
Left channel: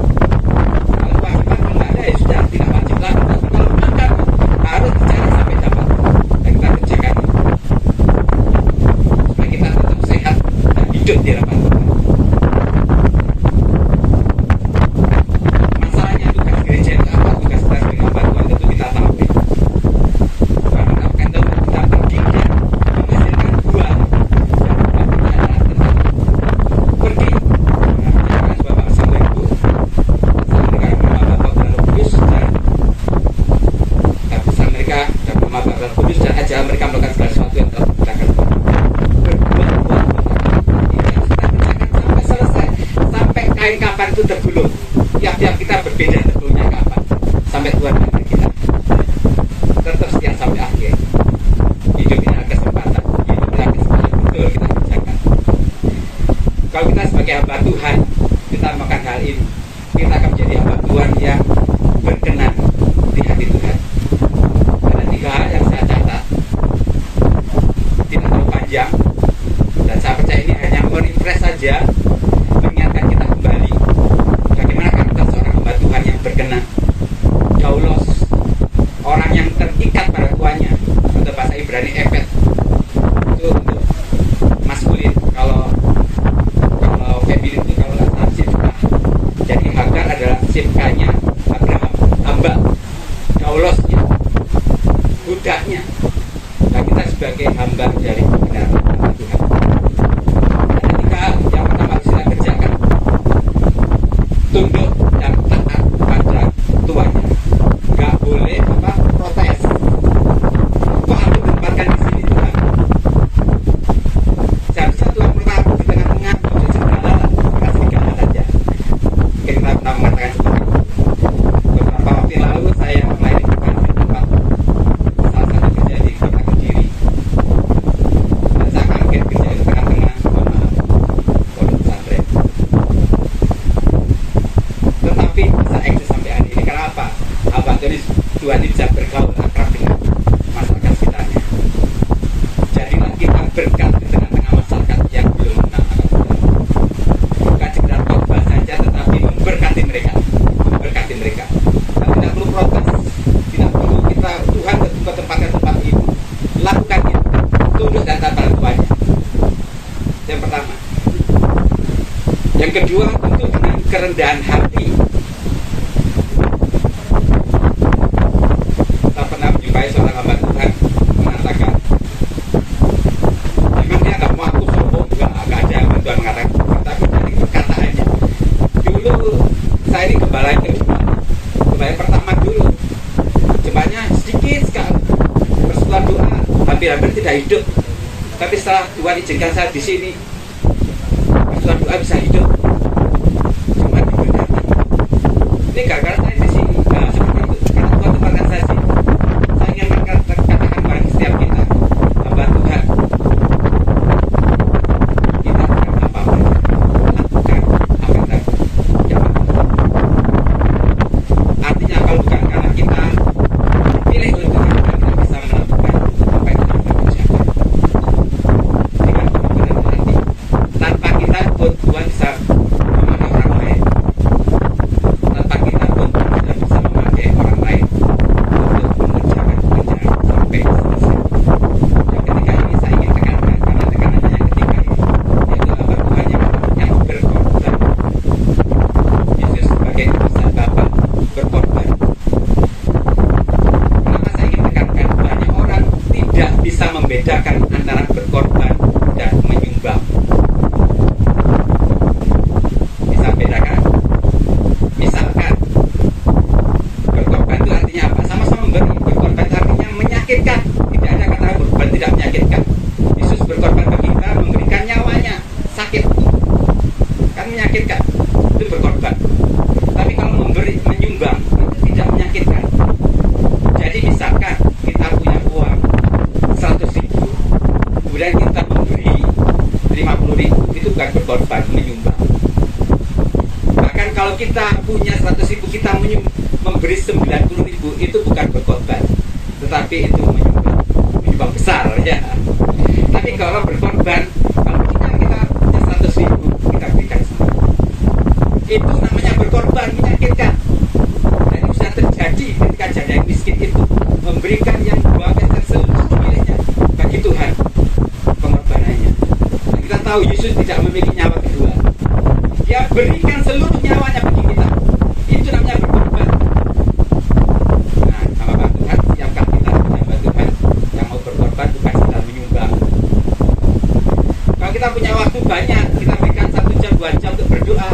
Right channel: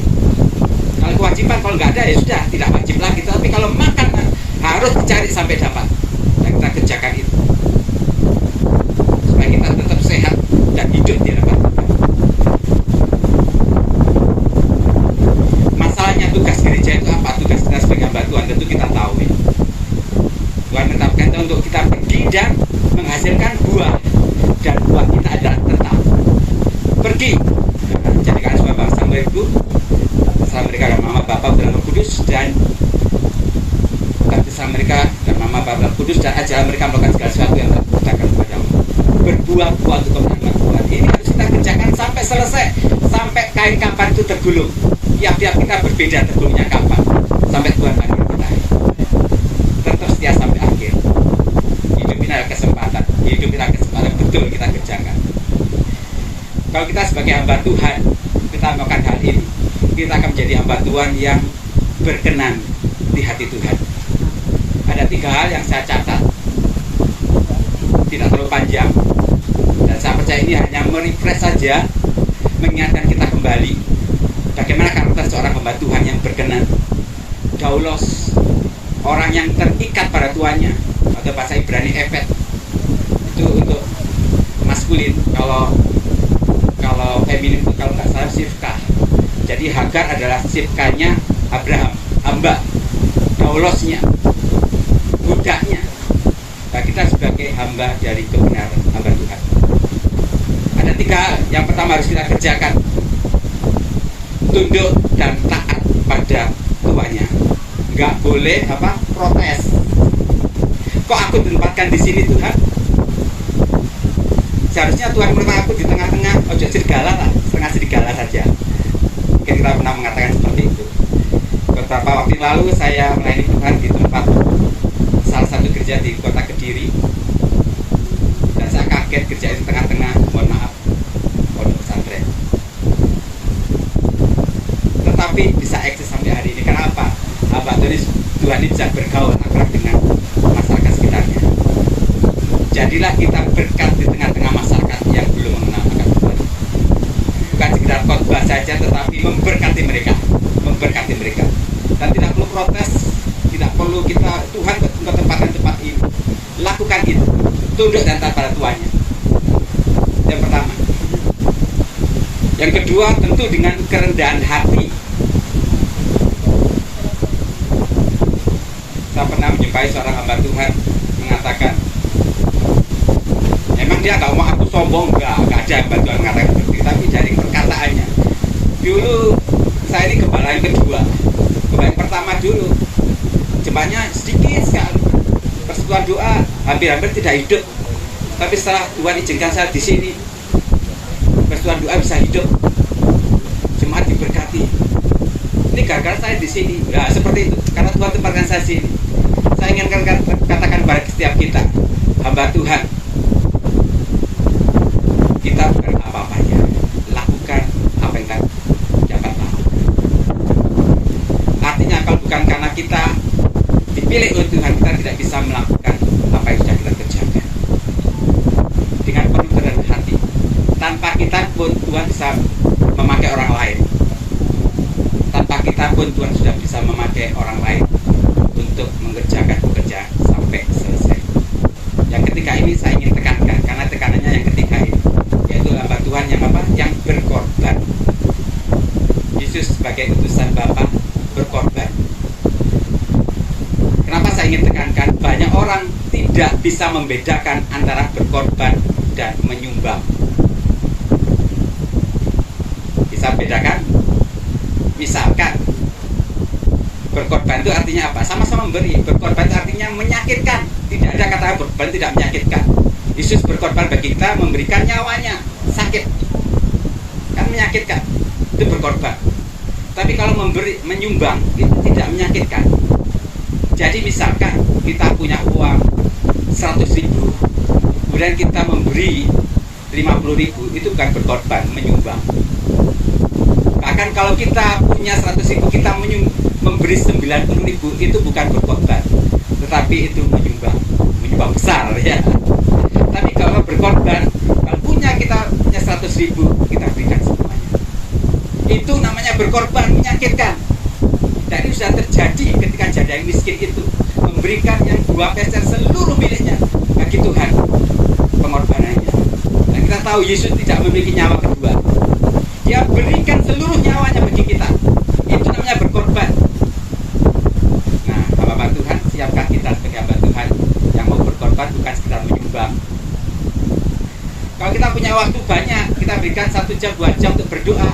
Kalau kewajiban kalau nggak ada ya sudah tidak wajib lagi. Tapi kalau makan harus dicari sampai dapat. Dan kita kerjakan itu supaya kita tetap sehat air kapan itu tergulung. Tiap-tiap kita berbeda tergulungnya kapan. Sampai Tuhan panggil kita. Tetap setia sampai akhir. Hidup ini adalah kesempatan. Hidup ini adalah kesempatan betul kita kerjakan. Kalau kita sebagai hamba Tuhan, kita melakukan hal ini, kita akan menjadi hamba Tuhan yang berkenan di hati Tuhan. Ada 3 hal yang saya catat, tidak terlalu panjang, dan saya percaya ini hanya merefresh saja, mengingatkan kita kembali bagaimana karakter seorang hamba Tuhan yang berkenan. Daulos, orang yang terikat pada tuannya, atau bahasa Ibrani epet, itu untuk maskulin. Kalau feminin itu kalau nggak salah Sifka. Jadi Hagar adalah Sifkanya Abraham, hamba, Daulosnya, budaknya. Nah, kita sebagai hamba dari kebenaran, hamba Tuhan. Ada 3 yang pertama harus kita kerjakan: tunduk dan taat pada tuannya. Nggak boleh protes. Kok aku ditempatkan di sini Tuhan? Seharusnya Tuhan menempatkan aku di tengah-tengah, ojo serigala lah, setengah serigala saja. Mungkin kita pernah mengatakan seperti itu. Beberapa waktu lalu saya melayani Tuhan di tempat salah satu gereja di kota Kediri, dan saya kaget gereja itu tengah-tengah, mohon maaf, pondok pesantren. Tetapi bisa eksis sampai hari ini. Kenapa? Hamba Tuhan ini bisa bergaul akrab dengan masyarakat sekitarnya. Jadilah kita berkat di tengah-tengah masyarakat yang belum mengenal akan Tuhan. Bukan sekedar khotbah saja, tetapi memberkati mereka. Dan tidak perlu protes, tidak perlu kita Tuhan untuk tempatkan tempat itu. Lakukan itu, tunduk dan taat pada tuannya. Yang pertama. Yang kedua, tentu dengan kerendahan hati. Saya pernah menjumpai seorang hamba Tuhan mengatakan, emang dia nggak mau aku sombong, nggak ada hamba Tuhan mengatakan seperti itu, tapi dari perkataannya. Dulu saya ini gembala yang kedua, gembala yang pertama dulu jemaatnya sedikit sekali, persekutuan doa hampir-hampir tidak hidup. Tapi setelah Tuhan izinkan saya di sini, persekutuan doa bisa hidup, jemaat diberkati. Ini gara-gara saya di sini. Nah, seperti itu. Karena Tuhan tempatkan saya sini. Saya ingin katakan pada setiap kita, hamba Tuhan, kita bukan apa-apanya, lakukan apa yang dapat. Artinya kalau bukan karena kita dipilih oleh Tuhan, kita tidak bisa melakukan apa yang sudah kita kerjakan dengan kebenaran hati. Tanpa kita pun Tuhan bisa memakai orang lain. Tanpa kita pun Tuhan sudah bisa memakai orang lain untuk mengerjakan pekerjaan sampai selesai. Yang ketiga ini saya ingin tekankan, karena tekanannya yang ketiga ini, yaitu hamba Tuhan yang berkorban. Yesus sebagai utusan Bapa berkorban. Kenapa saya ingin tekankan? Banyak orang tidak bisa membedakan antara berkorban dan menyumbang. Bisa bedakan? Misalkan berkorban itu artinya apa? Sama-sama memberi. Berkorban itu artinya menyakitkan. Tidak ada kata berkorban tidak menyakitkan. Yesus berkorban bagi kita, memberikan nyawanya. Sakit kan menyakitkan, itu berkorban. Tapi kalau memberi, menyumbang, itu tidak menyakitkan. Jadi misalkan kita punya uang 100.000, kemudian kita memberi 50.000, itu bukan berkorban, menyumbang. Bahkan kalau kita punya 100.000, kita memberi 90.000, itu bukan berkorban, tetapi itu menyumbang besar ya. Tapi kalau berkorban, kalau kita punya 100.000, kita berikan semua. Itu namanya berkorban, menyakitkan. Dan itu sudah terjadi ketika janda yang miskin itu memberikan yang 2 peser seluruh miliknya bagi Tuhan, pengorbanannya. Dan kita tahu Yesus tidak memiliki nyawa kedua. Dia berikan seluruh nyawanya bagi kita. Itu namanya berkorban. Nah, hamba Tuhan, siapkah kita sebagai hamba Tuhan yang mau berkorban, bukan sekedar menyumbang? Kalau kita punya waktu banyak, kita berikan 1 jam, 2 jam untuk berdoa,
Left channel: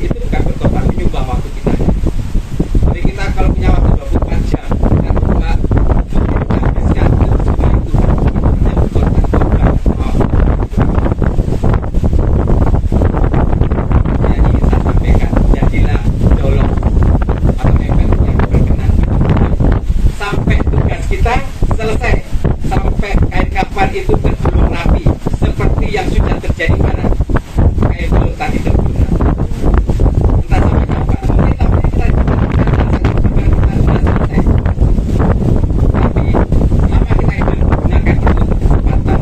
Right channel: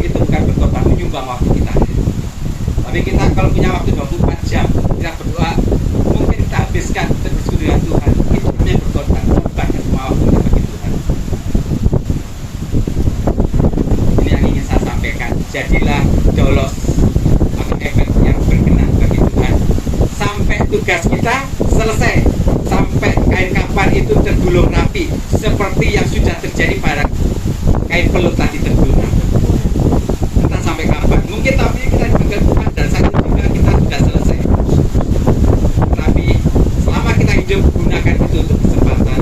itu bukan berkorban, menyumbang waktu kita. Tapi kita kalau punya waktu 24 jam, kita berdoa, mungkin kita habiskan untuk bersekutu dengan Tuhan. Itu namanya berkorban, bukan mau bagi Tuhan. Ini yang ingin saya sampaikan. ibarat kain peluk tadi terguna. Entah sampai kapan. Mungkin tapi kita bukan dan saat juga kita sudah selesai. Tapi selama kita hidup gunakan itu untuk kesempatan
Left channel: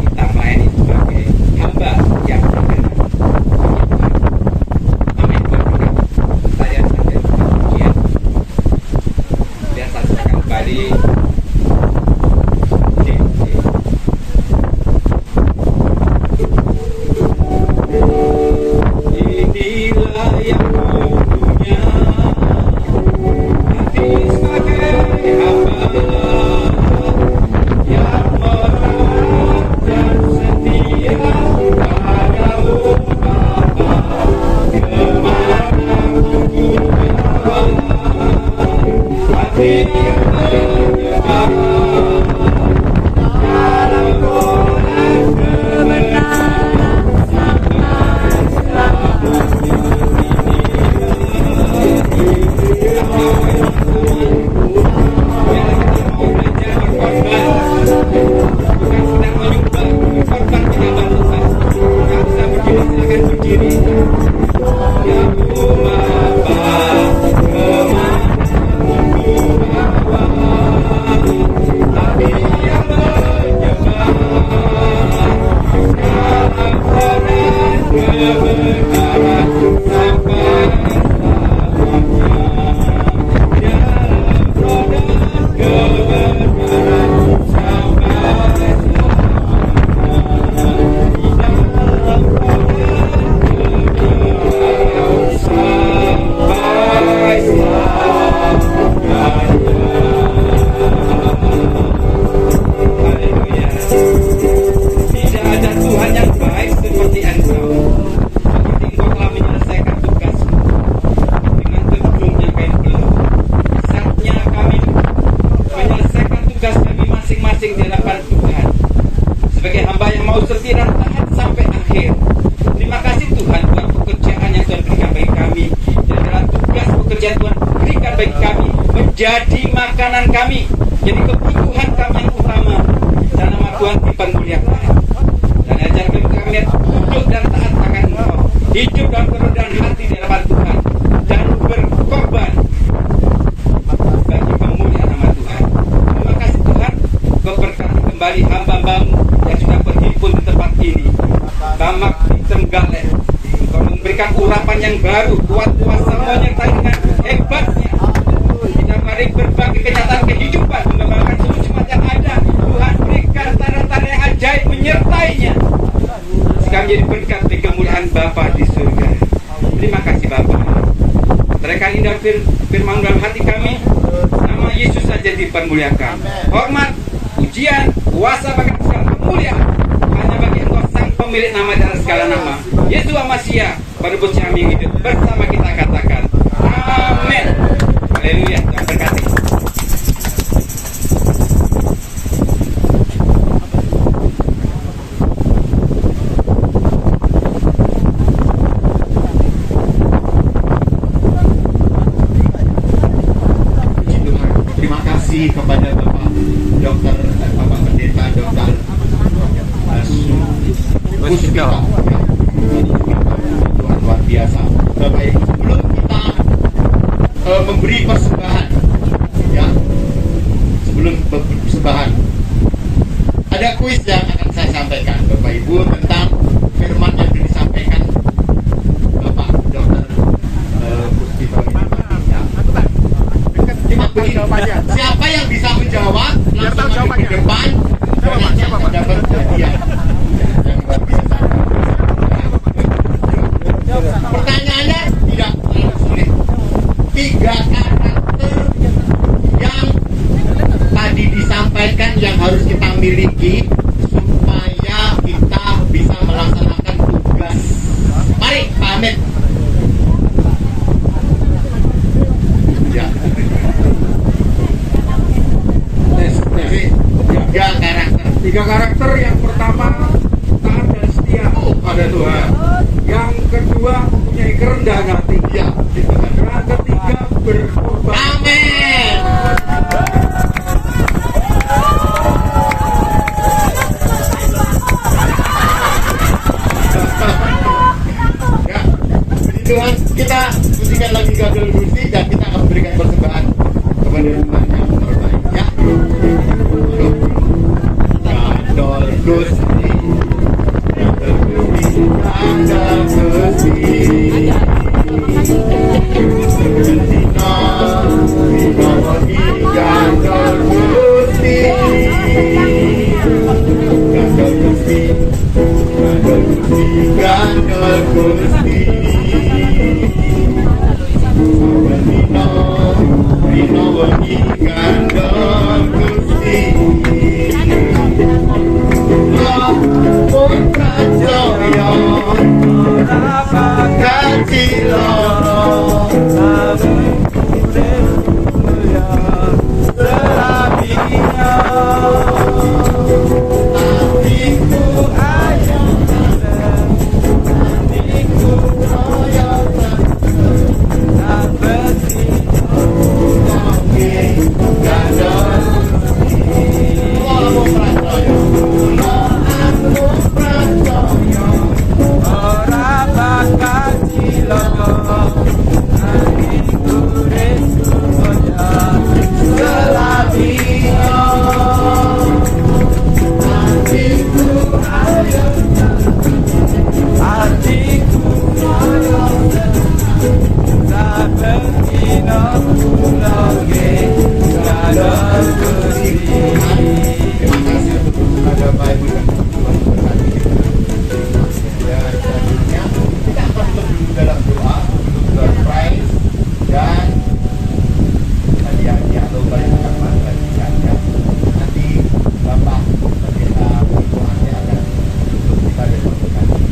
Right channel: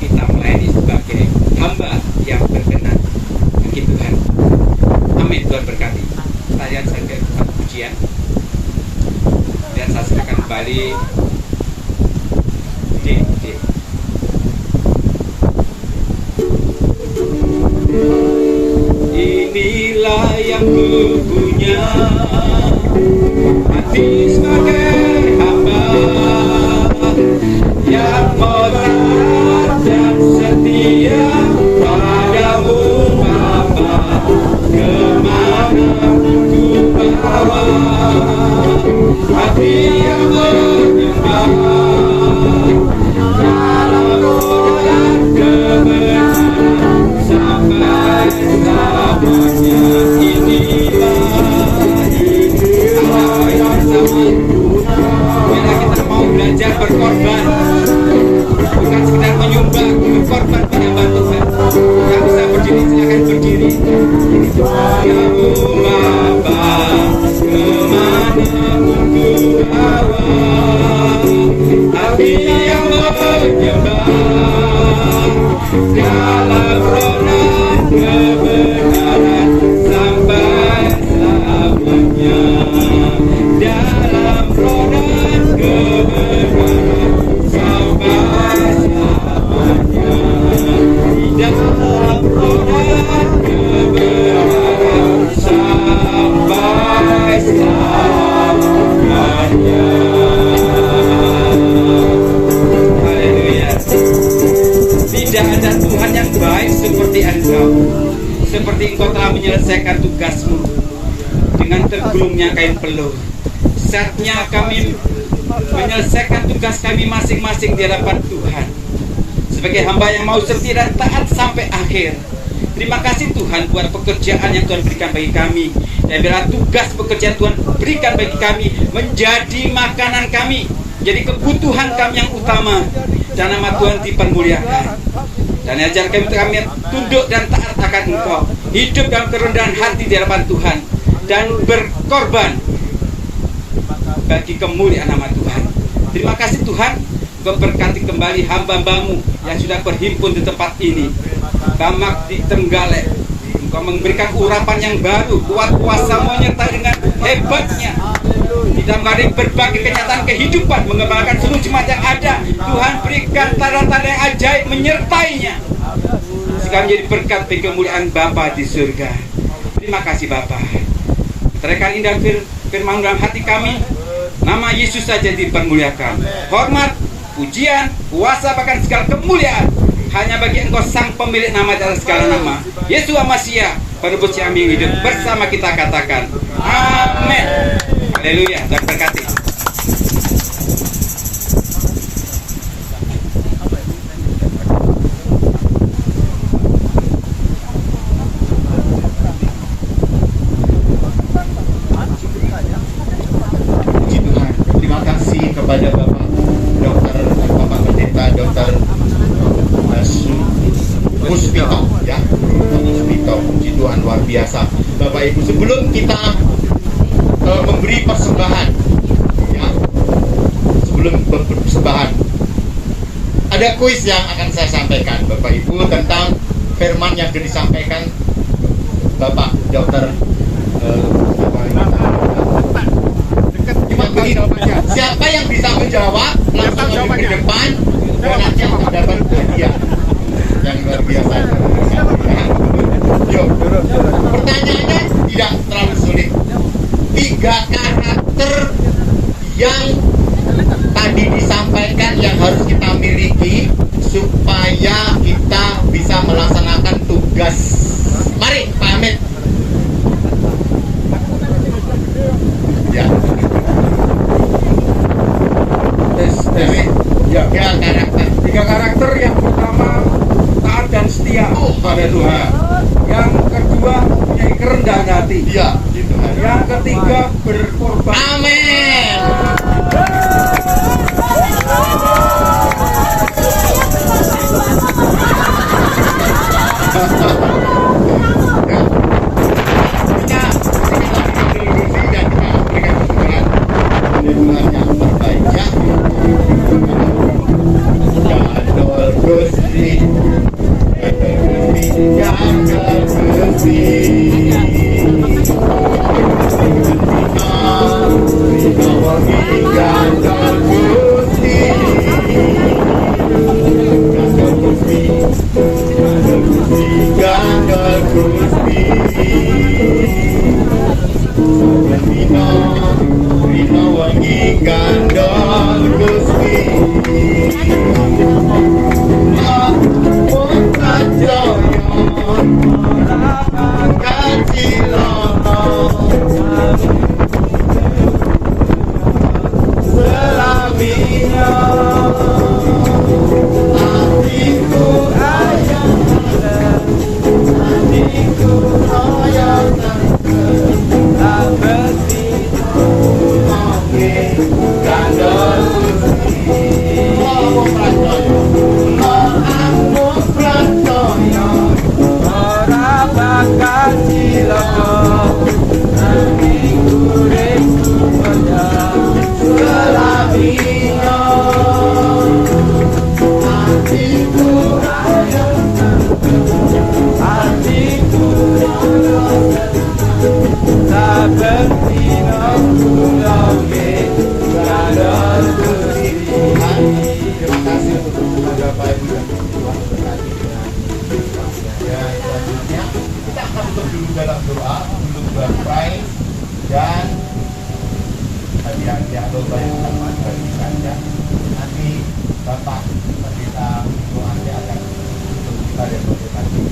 kita melayani sebagai hamba yang berkenan bagi Tuhan. Amin. Tuhan berkati. Saya sampai pujian. Dan saya serahkan kembali. Inilah yang punya hati sebagai hamba yang taat dan setia padamu Bapa, kemana ku bawa hati yang menyembah dalam roh dan kebenaran sampai selamanya. Biarlah kita mau belajar berkorban, bukan sekedar menyumbang, berkorban menyembah Tuhan. Yang bisa berdiri silakan berdiri. Kamu Bapa, kemana ku bawa hati yang menyembah dalam roh dan kebenaran sampai selamanya. Dalam roh dan kebenaran sampai selamanya. Dalam roh dan kebenaran sampai selamanya. Haleluya. Tidak ada Tuhan yang baik seperti Engkau. Seperti Engkau telah menyelesaikan tugasmu dengan tergulungnya kain peluh. Saatnya kami menyelesaikan tugas kami masing-masing di hadapan Tuhan sebagai hamba yang mau setia dan taat sampai akhir. Terima kasih Tuhan buat pekerjaan yang Tuhan berikan bagi kami. Dan biarlah tugas pekerjaan Tuhan berikan bagi kami menjadi makanan kami, jadi kebutuhan kami yang utama. Dan nama Tuhan dipermuliakan. Dan ajar kami duduk dan taat akan Engkau, hidup dalam kerendahan hati di hadapan Tuhan, dan berkorban bagi kemuliaan nama Tuhan. Terima kasih Tuhan, Engkau berkati kembali hamba-Hamba-Mu yang sudah berhimpun di tempat ini. Bamak di Trenggalek, Engkau memberikan urapan yang baru, kuat kuasa menyertai dengan hebatnya tidak mari berbagai kenyataan kehidupan, mengembangkan seluruh jemaat yang ada. Tuhan berikan tanda-tanda yang ajaib menyertainya, sehingga menjadi berkat bagi kemuliaan Bapa di surga. Terima kasih Bapa. Teriakan indah firman dalam hati kami, nama Yesus saja dipermuliakan. Hormat, pujian, kuasa bahkan segala kemuliaan hanya bagi Engkau sang pemilik nama dan segala nama, Yesus Masiah, penebus kami hidup bersama kita, katakan amin. Haleluya. Tuhan berkati. Puji Tuhan. Terima kasih kepada Bapak Dokter dan Bapak Pendeta Dokter Puspito, ya, Puspito. Puji Tuhan, luar biasa. Bapak Ibu, sebelum kita memberi persembahan, ya, sebelum persembahan, ada kuis yang akan saya sampaikan Bapak Ibu tentang firman yang disampaikan Bapak Dokter. Siapa yang bisa menjawab langsung maju ke depan dan nanti akan dapat hadiah yang luar biasa. Yuk, pertanyaannya tidak terlalu sulit. 3 karakter yang tadi disampaikan yang harus kita miliki supaya kita bisa melaksanakan tugas. Mari pamit. Ya. Tiga karakter. Yang pertama taat dan setia pada Tuhan. Yang kedua punya kerendahan hati. Ya. Yang ketiga berkorban. Amin. yang dalam Gusti. Rino wengi gandeng Gusti. Gandeng Gusti. Gandeng Gusti. Rino wengi gandeng Gusti. Dalam doa untuk surprise dan hadiah-hadiah lomba yang akan bagikan ya. Nanti Bapak Pendeta Putuannya akan untuk kita demonstrasi.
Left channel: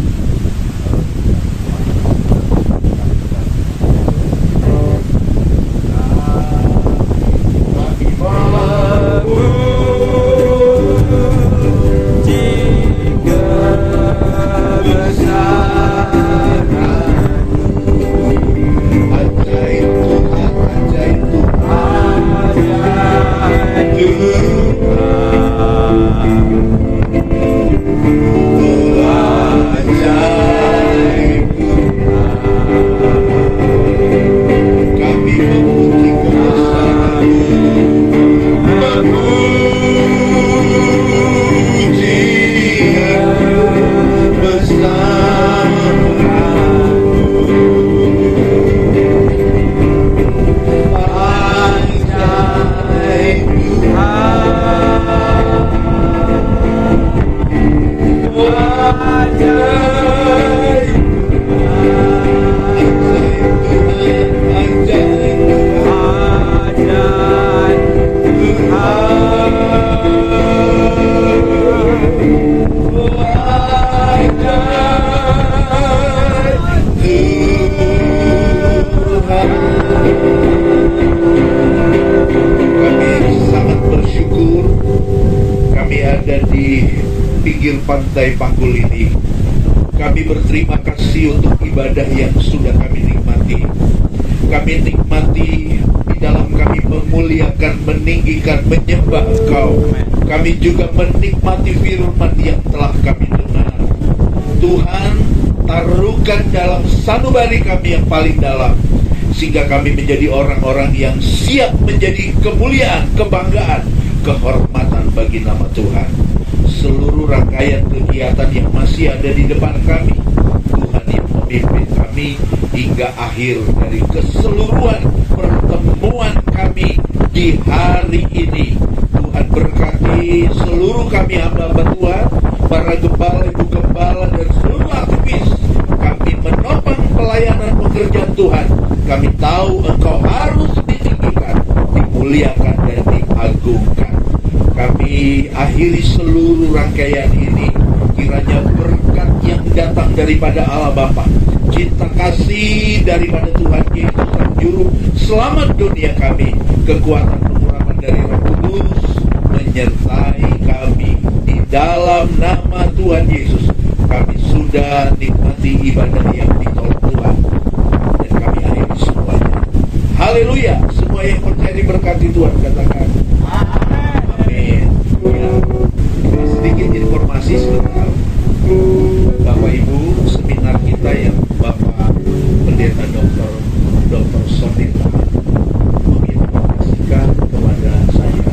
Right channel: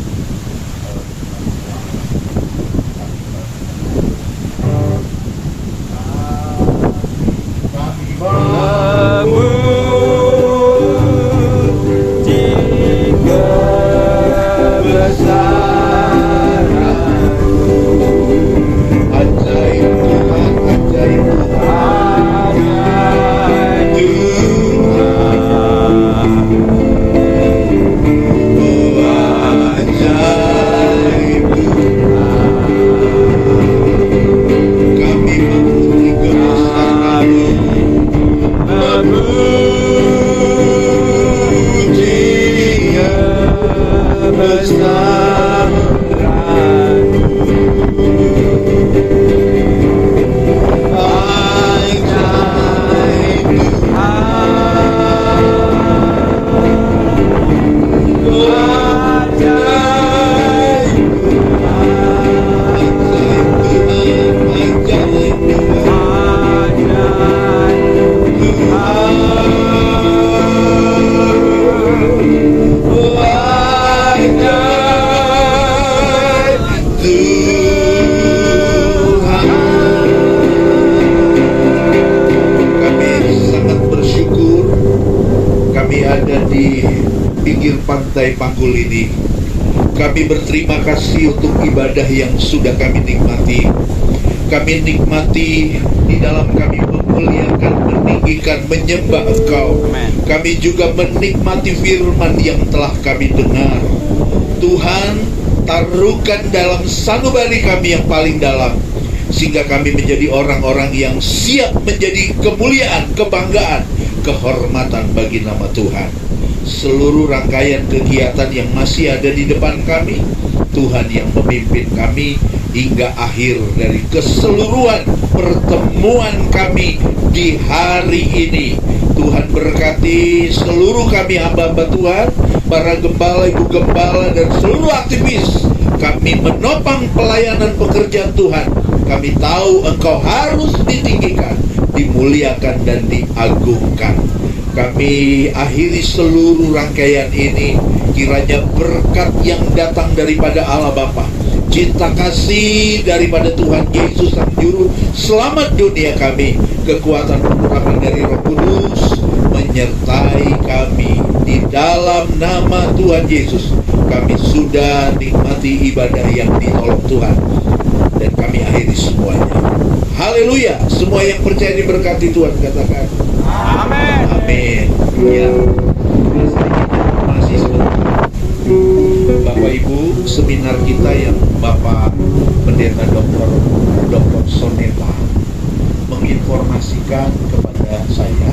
Pantai Panggul ini, kami berterima kasih untuk ibadah yang sudah kami nikmati. Kami nikmati di dalam kami memuliakan, meninggikan, menyembah Engkau. Kami juga menikmati firman yang telah kami dengar. Tuhan, taruhkan dalam sanubari kami yang paling dalam, sehingga kami menjadi orang-orang yang siap menjadi kemuliaan, kebanggaan, kehormatan bagi nama Tuhan. Seluruh rangkaian kegiatan yang masih ada di depan kami, Tuhan yang memimpin kami hingga akhir dari keseluruhan pertemuan kami di hari ini. Tuhan berkati seluruh kami hamba-hamba Tuhan, para gembala, ibu gembala, dan seluruh aktivis. Kami menopang pelayanan pekerjaan Tuhan. Kami tahu Engkau harus ditinggikan, dimuliakan, dan diagungkan. Kami akhiri seluruh rangkaian ini, kiranya berkat yang datang daripada Allah Bapa, cinta kasih daripada Tuhan Yesus Sang Juru Selamat dunia kami, kekuatan pengurapan dari Roh Kudus menyertai kami. Di dalam nama Tuhan Yesus, kami sudah nikmati ibadah yang ditolong Tuhan, dan kami akhiri semuanya. Haleluya! Semua yang percaya diberkati Tuhan katakan amin. Amin. Ya, sedikit informasi sebentar. Bapak Ibu, seminar kita yang Bapak Pendeta Dr. Soneta menginformasikan kepada saya,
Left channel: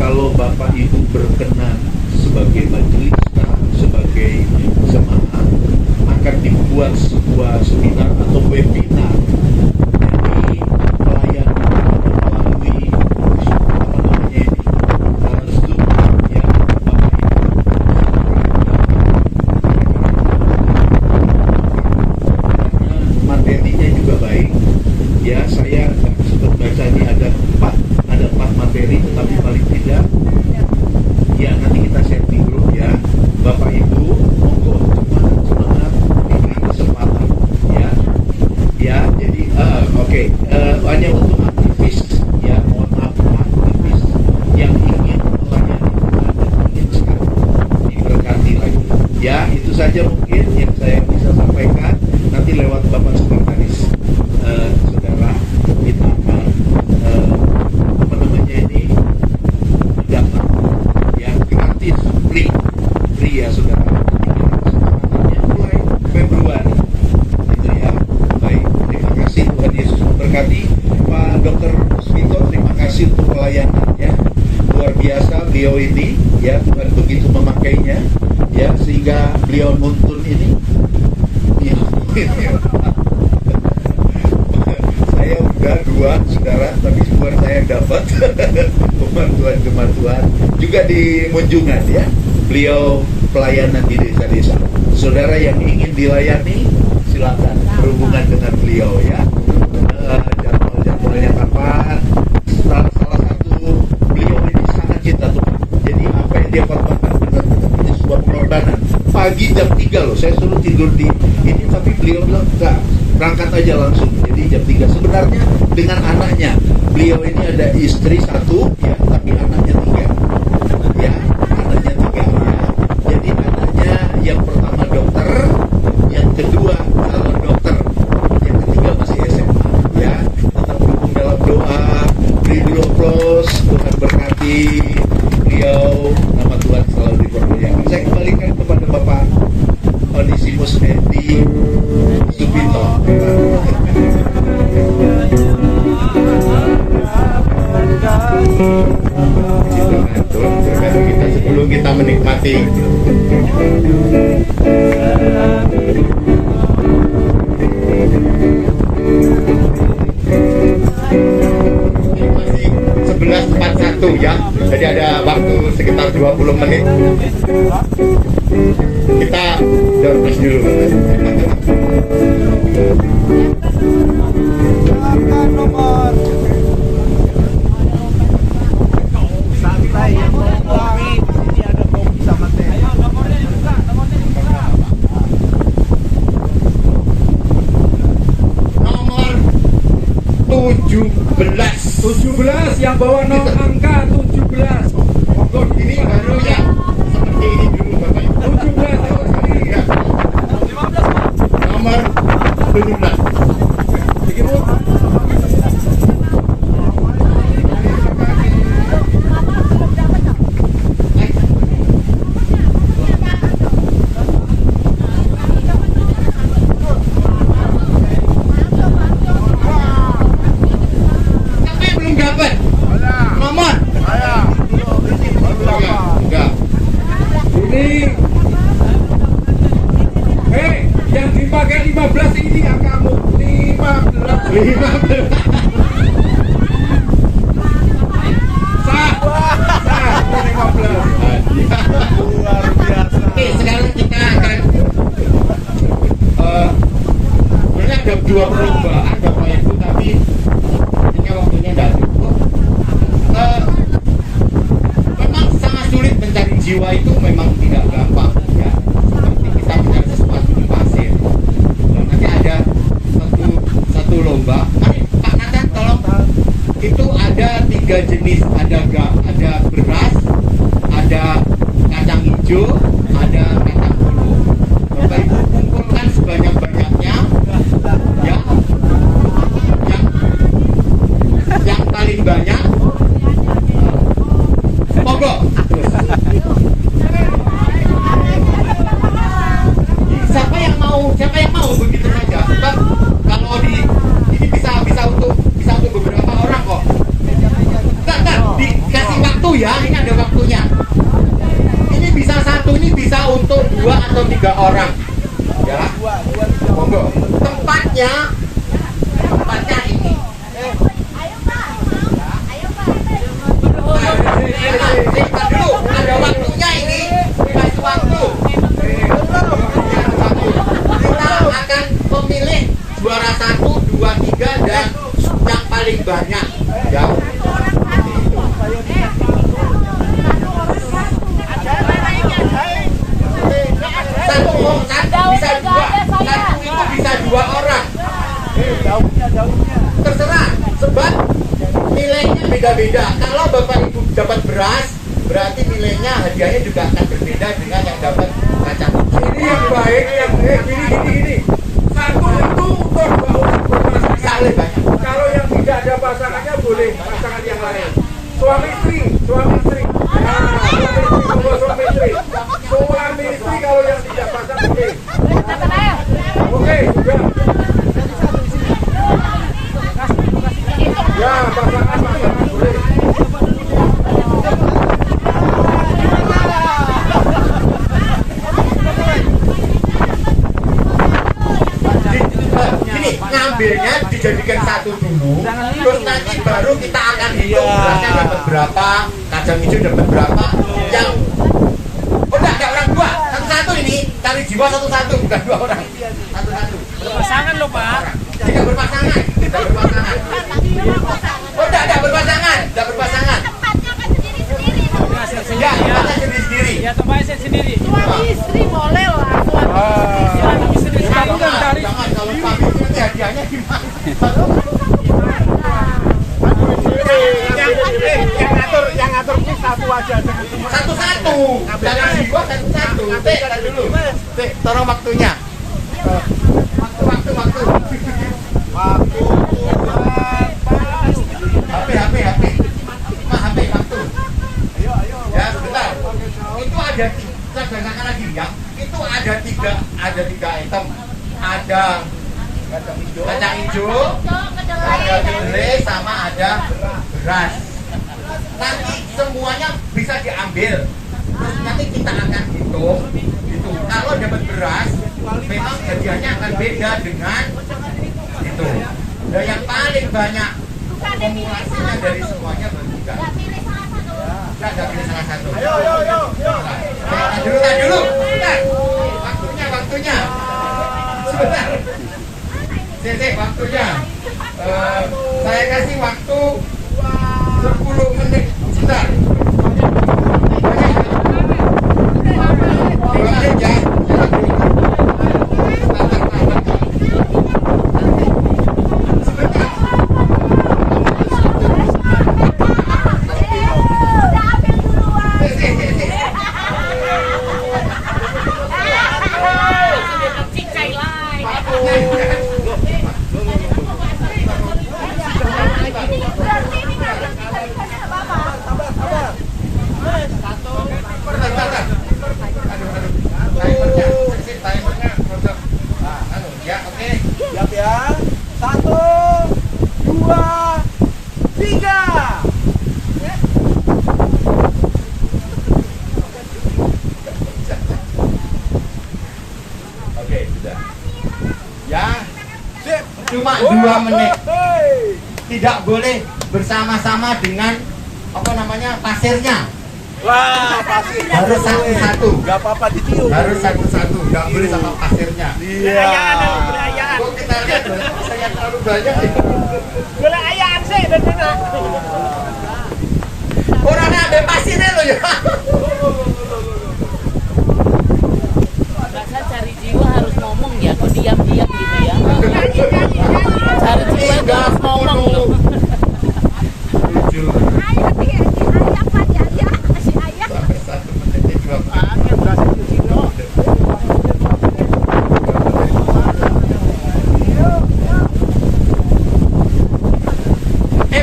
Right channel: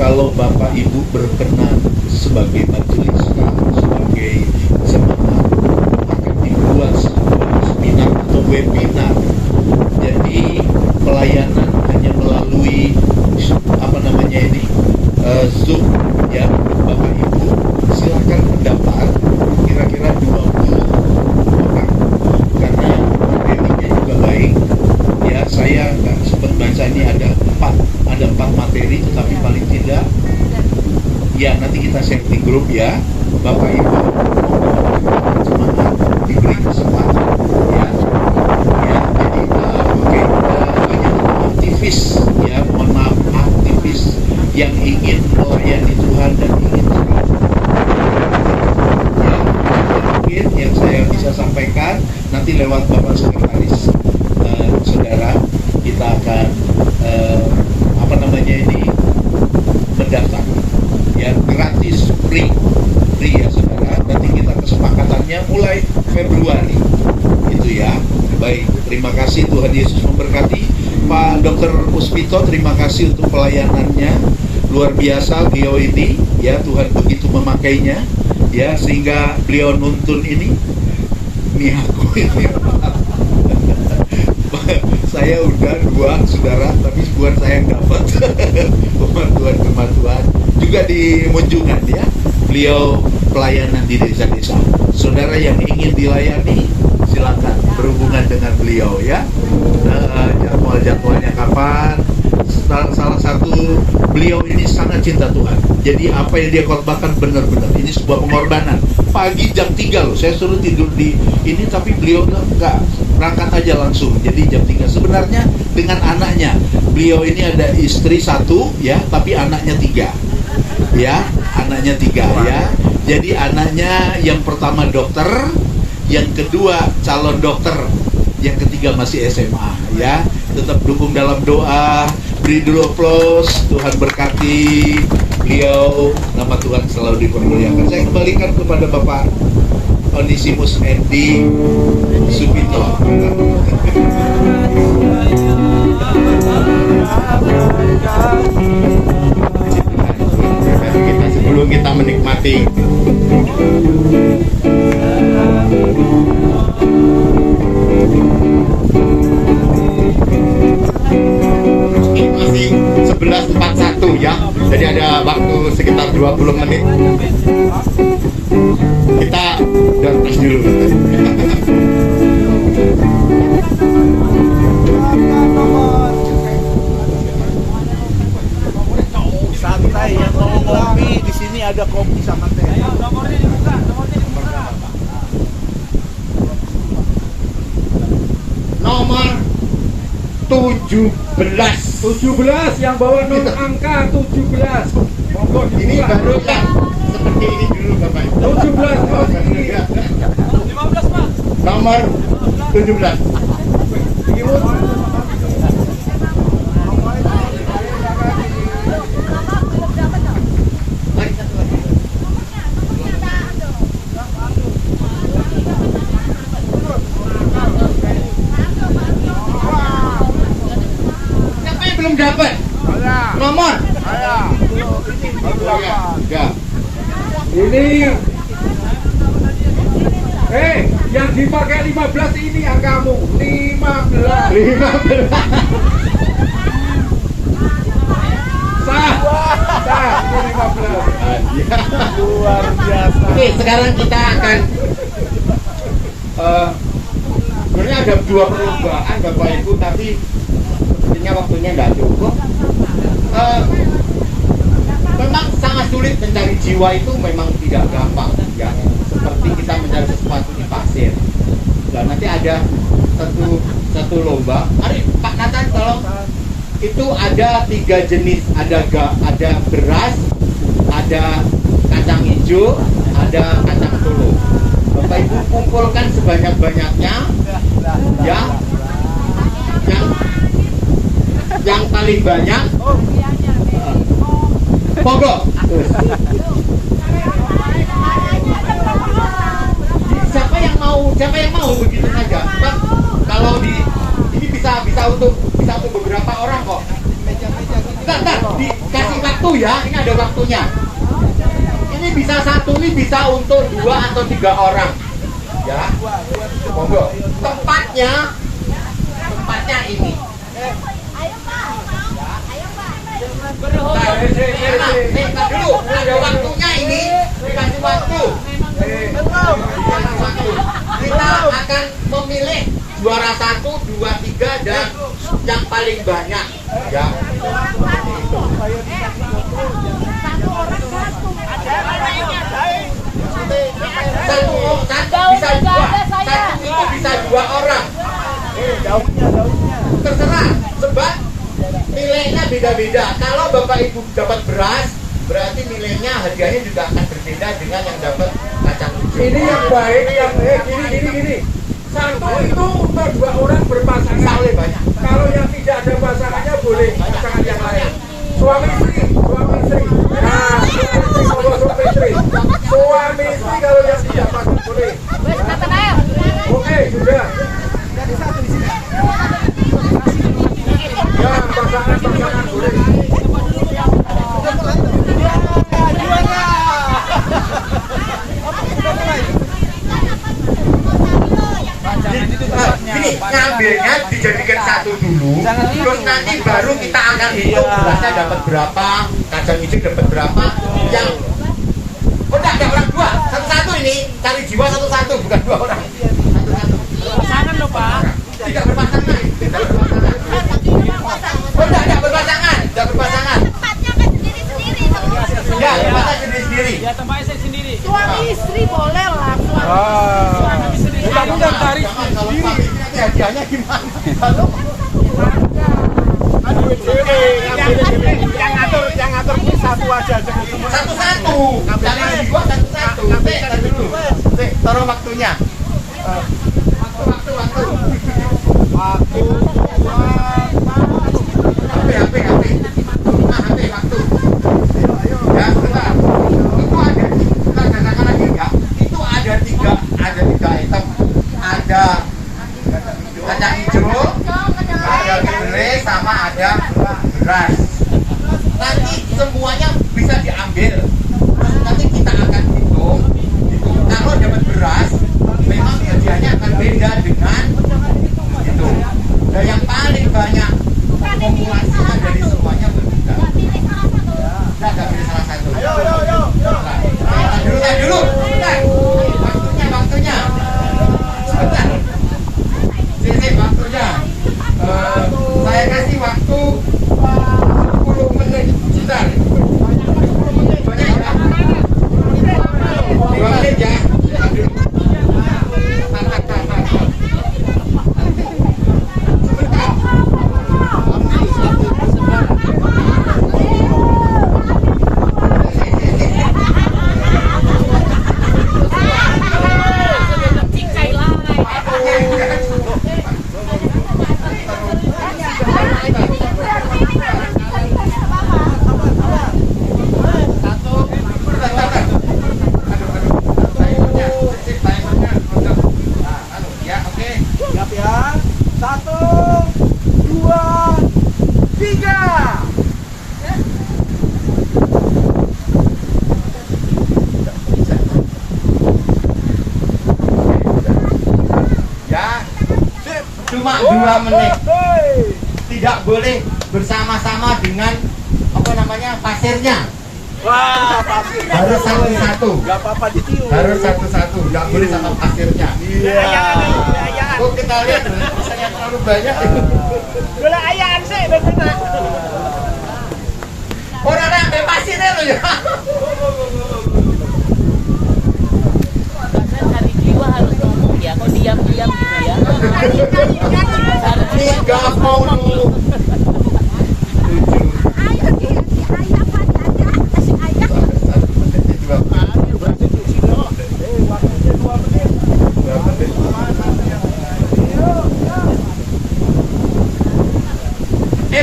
kalau Bapak Ibu berkenan sebagai majelis, sebagai jemaat, webinar. Jadi pelayanan hanya melalui Zoom ya Bapak Ibu. Silakan daftar kira-kira 20 orang karena materinya juga baik. Ya saya nggak sempat baca ini ada 4 materi, tetapi paling tidak ya nanti kita share di grup ya Bapak Ibu. Diberi kesempatan ya jadi banyak aktivis ya, mohon maaf, aktivis yang ingin melayani Tuhan dan ingin sekali ya. Itu saja mungkin yang saya bisa sampaikan. Nanti lewat Bapak Sekretaris saudara kita akan mendaftar ya, gratis, free ya saudara. Nanti kita kesepakatannya mulai Februari itu ya. Baik, terima kasih, Tuhan Yesus memberkati. Pak Dr. Usmito, terima kasih untuk pelayanannya, luar biasa beliau ini ya. Tuhan begitu memakainya ya, sehingga beliau nuntun ini saya udah 2 saudara, tapi bukan saya yang dapat pembantuan juga di Munjungan ya. Beliau pelayanan di desa-desa. Saudara yang ingin dilayani silakan berhubungan dengan beliau ya. Jadwalnya kapan? Salah satu, beliau ini sangat cinta Tuhan. Jadi apa yang dia korbankan benar-benar ini sebuah pengorbanan. Pagi jam 3 loh, saya suruh tidur di ini, tapi beliau bilang enggak, berangkat aja langsung. Jadi jam 3 sebenarnya dengan anaknya. Beliau ini ada istri 1 ya, tapi anaknya 3 ya, anaknya 3 ya. Jadi anaknya yang pertama dokter, yang kedua calon dokter, yang ketiga masih SMA ya. Tetap dukung dalam doa, beri dulu aplaus. Tuhan berkati beliau, nama Tuhan selalu dipermuliakan. Saya kembalikan kepada Bapak Onisimus Endi Supito. Sebelum kita menikmati Ini masih 11.41 ya. Jadi ada waktu sekitar 20 menit. Kita tes dulu. Santai yang mau ngopi di sini ada kopi sama teh. Nomor 17 yang bawa angka 17. Monggo ini baru ya. Seperti ini dulu Bapak Ibu. 17 oh ini ya. Nomor 17. Begini. Belum dapat nomor ya. Ini yang dipakai 15 ini angkamu 15 sah ini 15 Luar biasa. Oke, sekarang kita akan sebenarnya ada 2 perlombaan Bapak Ibu, tapi waktunya nggak cukup. Memang sangat sulit mencari jiwa, itu memang tidak gampang ya, seperti kita mencari sesuatu di pasir. Nah, nanti ada satu lomba. Mari Kak Nathan tolong. Itu ada 3 jenis, ada beras, ada kacang hijau, ada kacang polo. Bapak Ibu kumpulkan sebanyak-banyaknya ya. Yang paling banyak monggo. Siapa yang mau begitu saja. Sebab kalau ini bisa untuk beberapa orang kok. Entar dikasih waktu ya, ini ada waktunya. Ini bisa 1, ini bisa untuk 2 atau 3 orang. Ya. Monggo. Tempatnya tempatnya ini. Dulu, ada waktunya ini, dikasih waktu. Kita akan memilih juara 1, 2, 3 dan yang paling banyak. Ya. Satu bisa dua, satu itu bisa 2 orang. Terserah, sebab nilainya beda-beda. Kalau Bapak Ibu dapat beras, berarti nilainya hadiahnya juga akan berbeda dengan yang dapat kacang hijau. Ini yang baik, yang gini. Satu itu untuk 2 orang berpasangan. Saling banyak. Kalau yang tidak ada pasangannya boleh pasangan yang lain. Suami istri. Nah, suami istri. Suami istri kalau yang tidak pasang boleh. Oke, sudah. Ya, pasangan boleh. Gini, ngambilnya dijadikan satu dulu, terus nanti baru kita akan hitung berasnya dapat berapa, kacang hijau dapat berapa. Yang enggak orang dua, satu-satu ini cari jiwa satu-satu, bukan 2 orang. Satu-satu. Pasangan loh Pak. Tidak berpasangan. Oh, tidak berpasangan. Ya, tempatnya sendiri-sendiri. Ya tempatnya sendiri. Suami istri boleh lah. Jangan kalau ini hadiahnya gimana? Yang ngatur ini satu aja, jangan semua. Satu-satu. Jangan dibuat satu-satu. Dulu. Taruh waktunya. Waktu. HP. HP waktu. Ya, sebentar. Itu ada kita katakan lagi ya. Itu ada tiga item. Ada kacang hijau, ada kedelai, sama ada beras. Nanti semuanya bisa diambil. Terus nanti kita akan hitung. Kalau dapat beras, memang hadiahnya akan beda dengan itu. Dan yang paling banyak akumulasinya dari semuanya berbeda. Nggak pilih salah satu. Ayo. Dulu. Waktunya. Sebentar. Sini waktunya. Saya kasih waktu 10 menit. Sebentar. Banyak ya? 2 menit ya. Siap ya. 1, 2, 3. Ya, cuma 2 menit. Tidak boleh bersama-sama dengan pasirnya. Wah, Harus satu-satu. Gak apa-apa ditiup. Harus satu-satu. Nggak boleh sama pasirnya. Iya. Kok kita lihat pasirnya terlalu banyak. Gula ayam sih, benar. Orangnya ambil pasirnya loh ya. Bahkan cari jiwa harus ngomong ya, kok diam-diam gitu ya. Cari jiwa 30.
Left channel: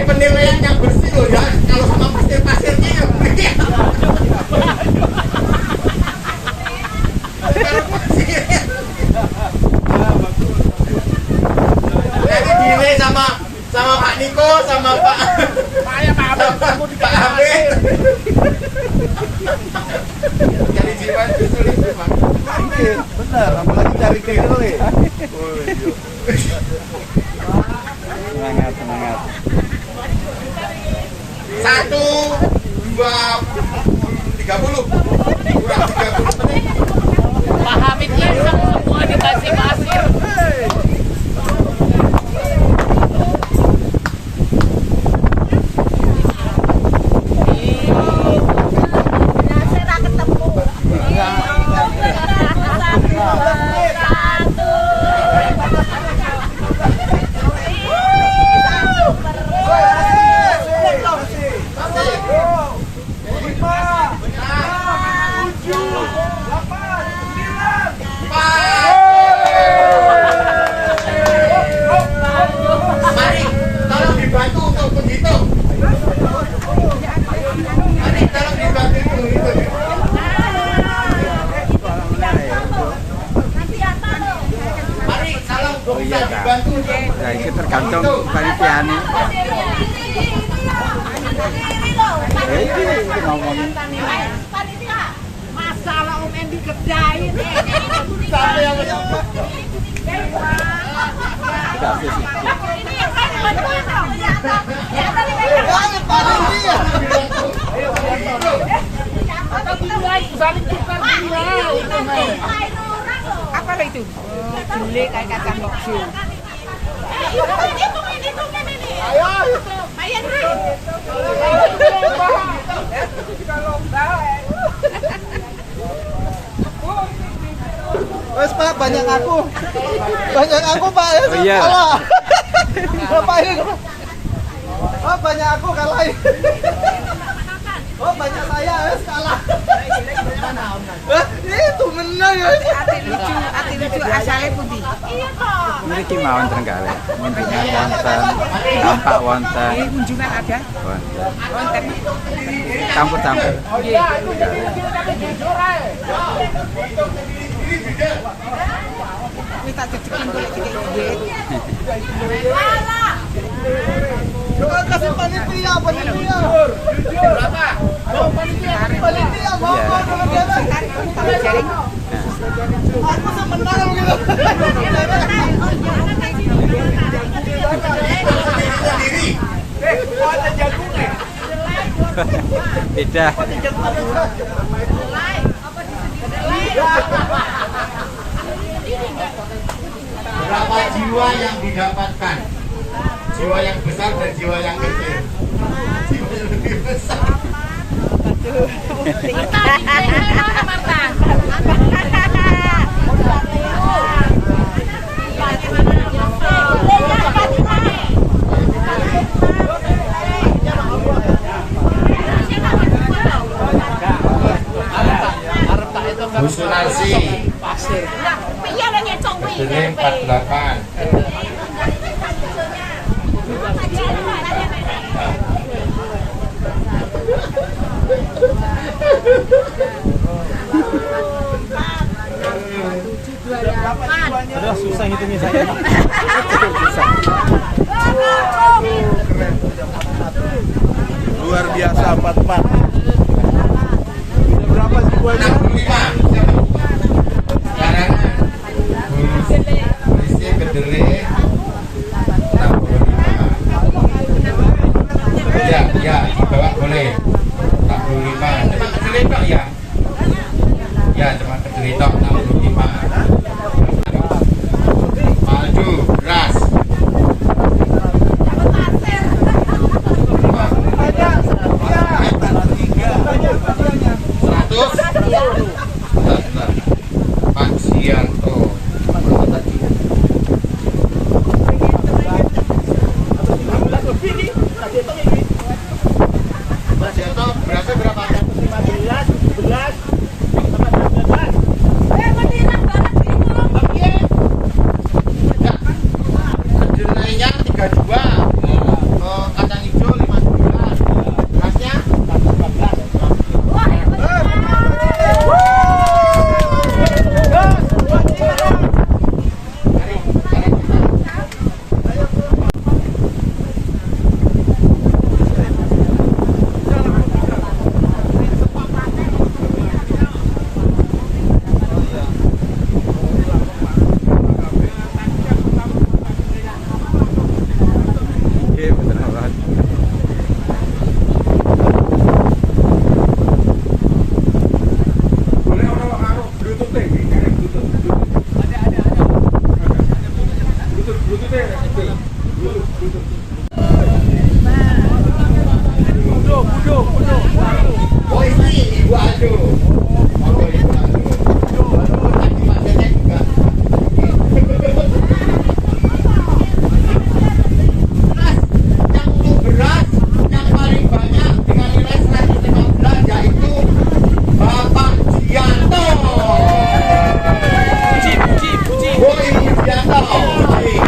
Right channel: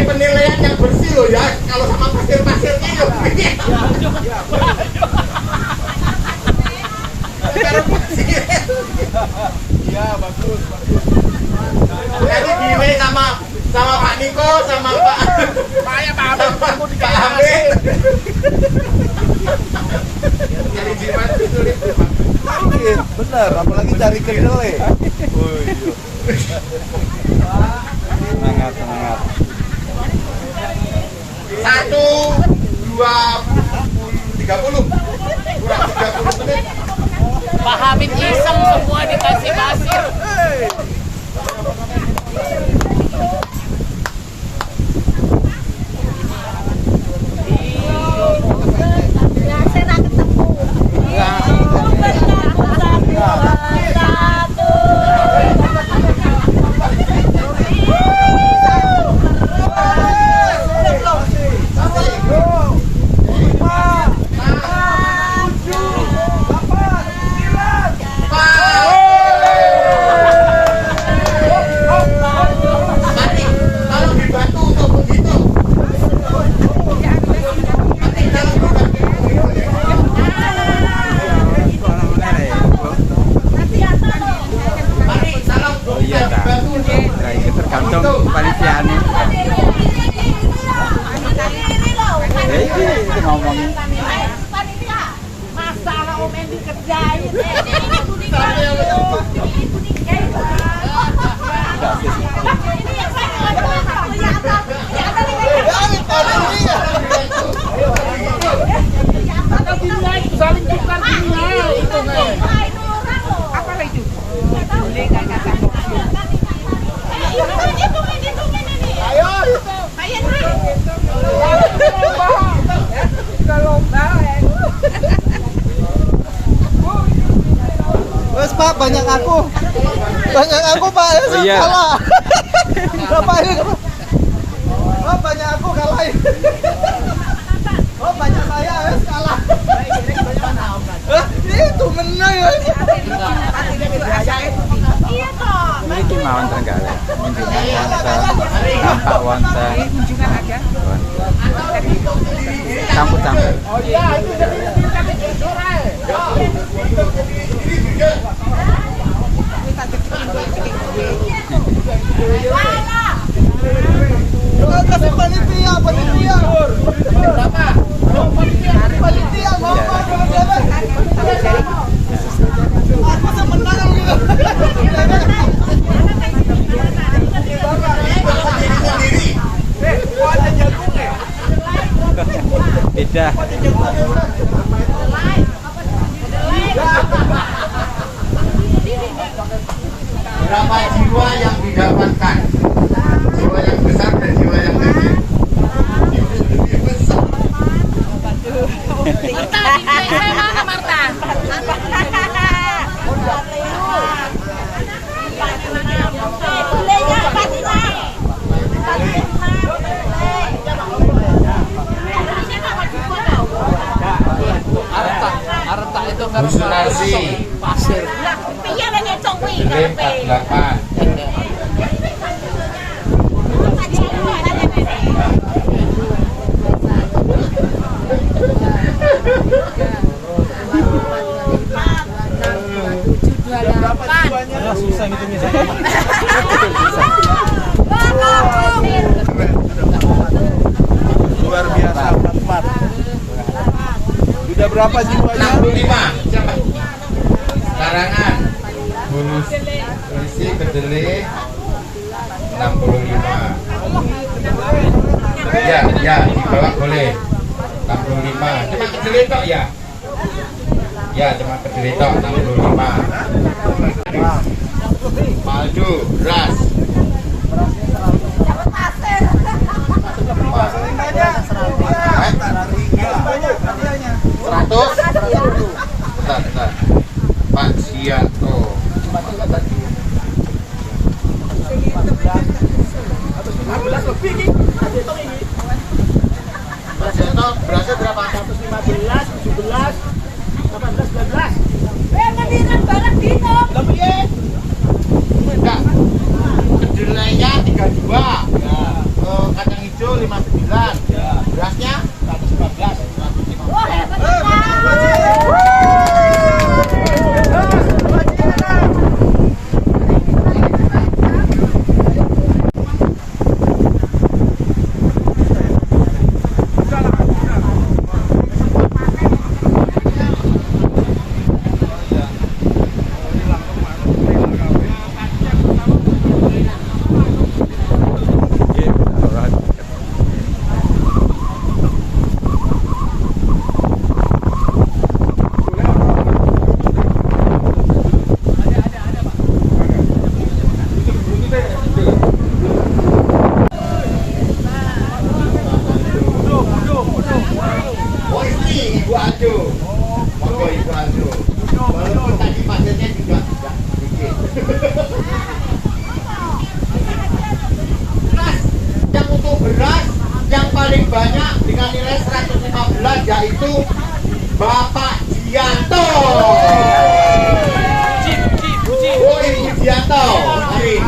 Penilaian yang bersih loh ya. Kalau sama pasir-pasirnya ya bersih. Jadi dinilai sama Pak Niko, sama Pak Amin. Jadi jiwa itu sulit Pak. Bener, apalagi cari kedelai. Semangat, semangat. 1, 2, 30. Kurang 30 menit. Pak Hamid iseng semua dikasih pasir. Mari, tolong dibantu untuk menghitung. Mari, tolong dibantu menghitung. Mari, tolong Oh iya, tak. dibantu untuk Nah, itu tergantung panitianya. Itu ngomongin. Masalah Om Endi kerjain. Tidak habis. Wes Pak, banyak aku Pak ya. Oh iya. Bapak ini Pak. Oh banyak aku kalahin. Oh banyak saya wes kalah. Itu menang ya. Memiliki mawon Trenggalek, kunjungan wonten, tampak wonten, wonten, campur-campur. Kasih panitia. Berapa? Panitia mau berapa? Aku tuh menang gitu. Tidak. berapa jiwa yang didapatkan. Jiwa yang besar dan jiwa yang kecil. Jiwa yang lebih besar. Musulasi Deleng 48. Susah hitungnya. Luar biasa 44. Sudah berapa jiwanya? 65. Karangan Polisi Kedele 65. Ya, dibawa boleh 65. Cuma Kedele tok ya? Ya, cuma Kedele tok 65. Paldu, beras. Pak Sianto. Berasnya berapa? 115, 17, 18, 19. Mendiran banget bingung. Enggak. Sugianto. Mari.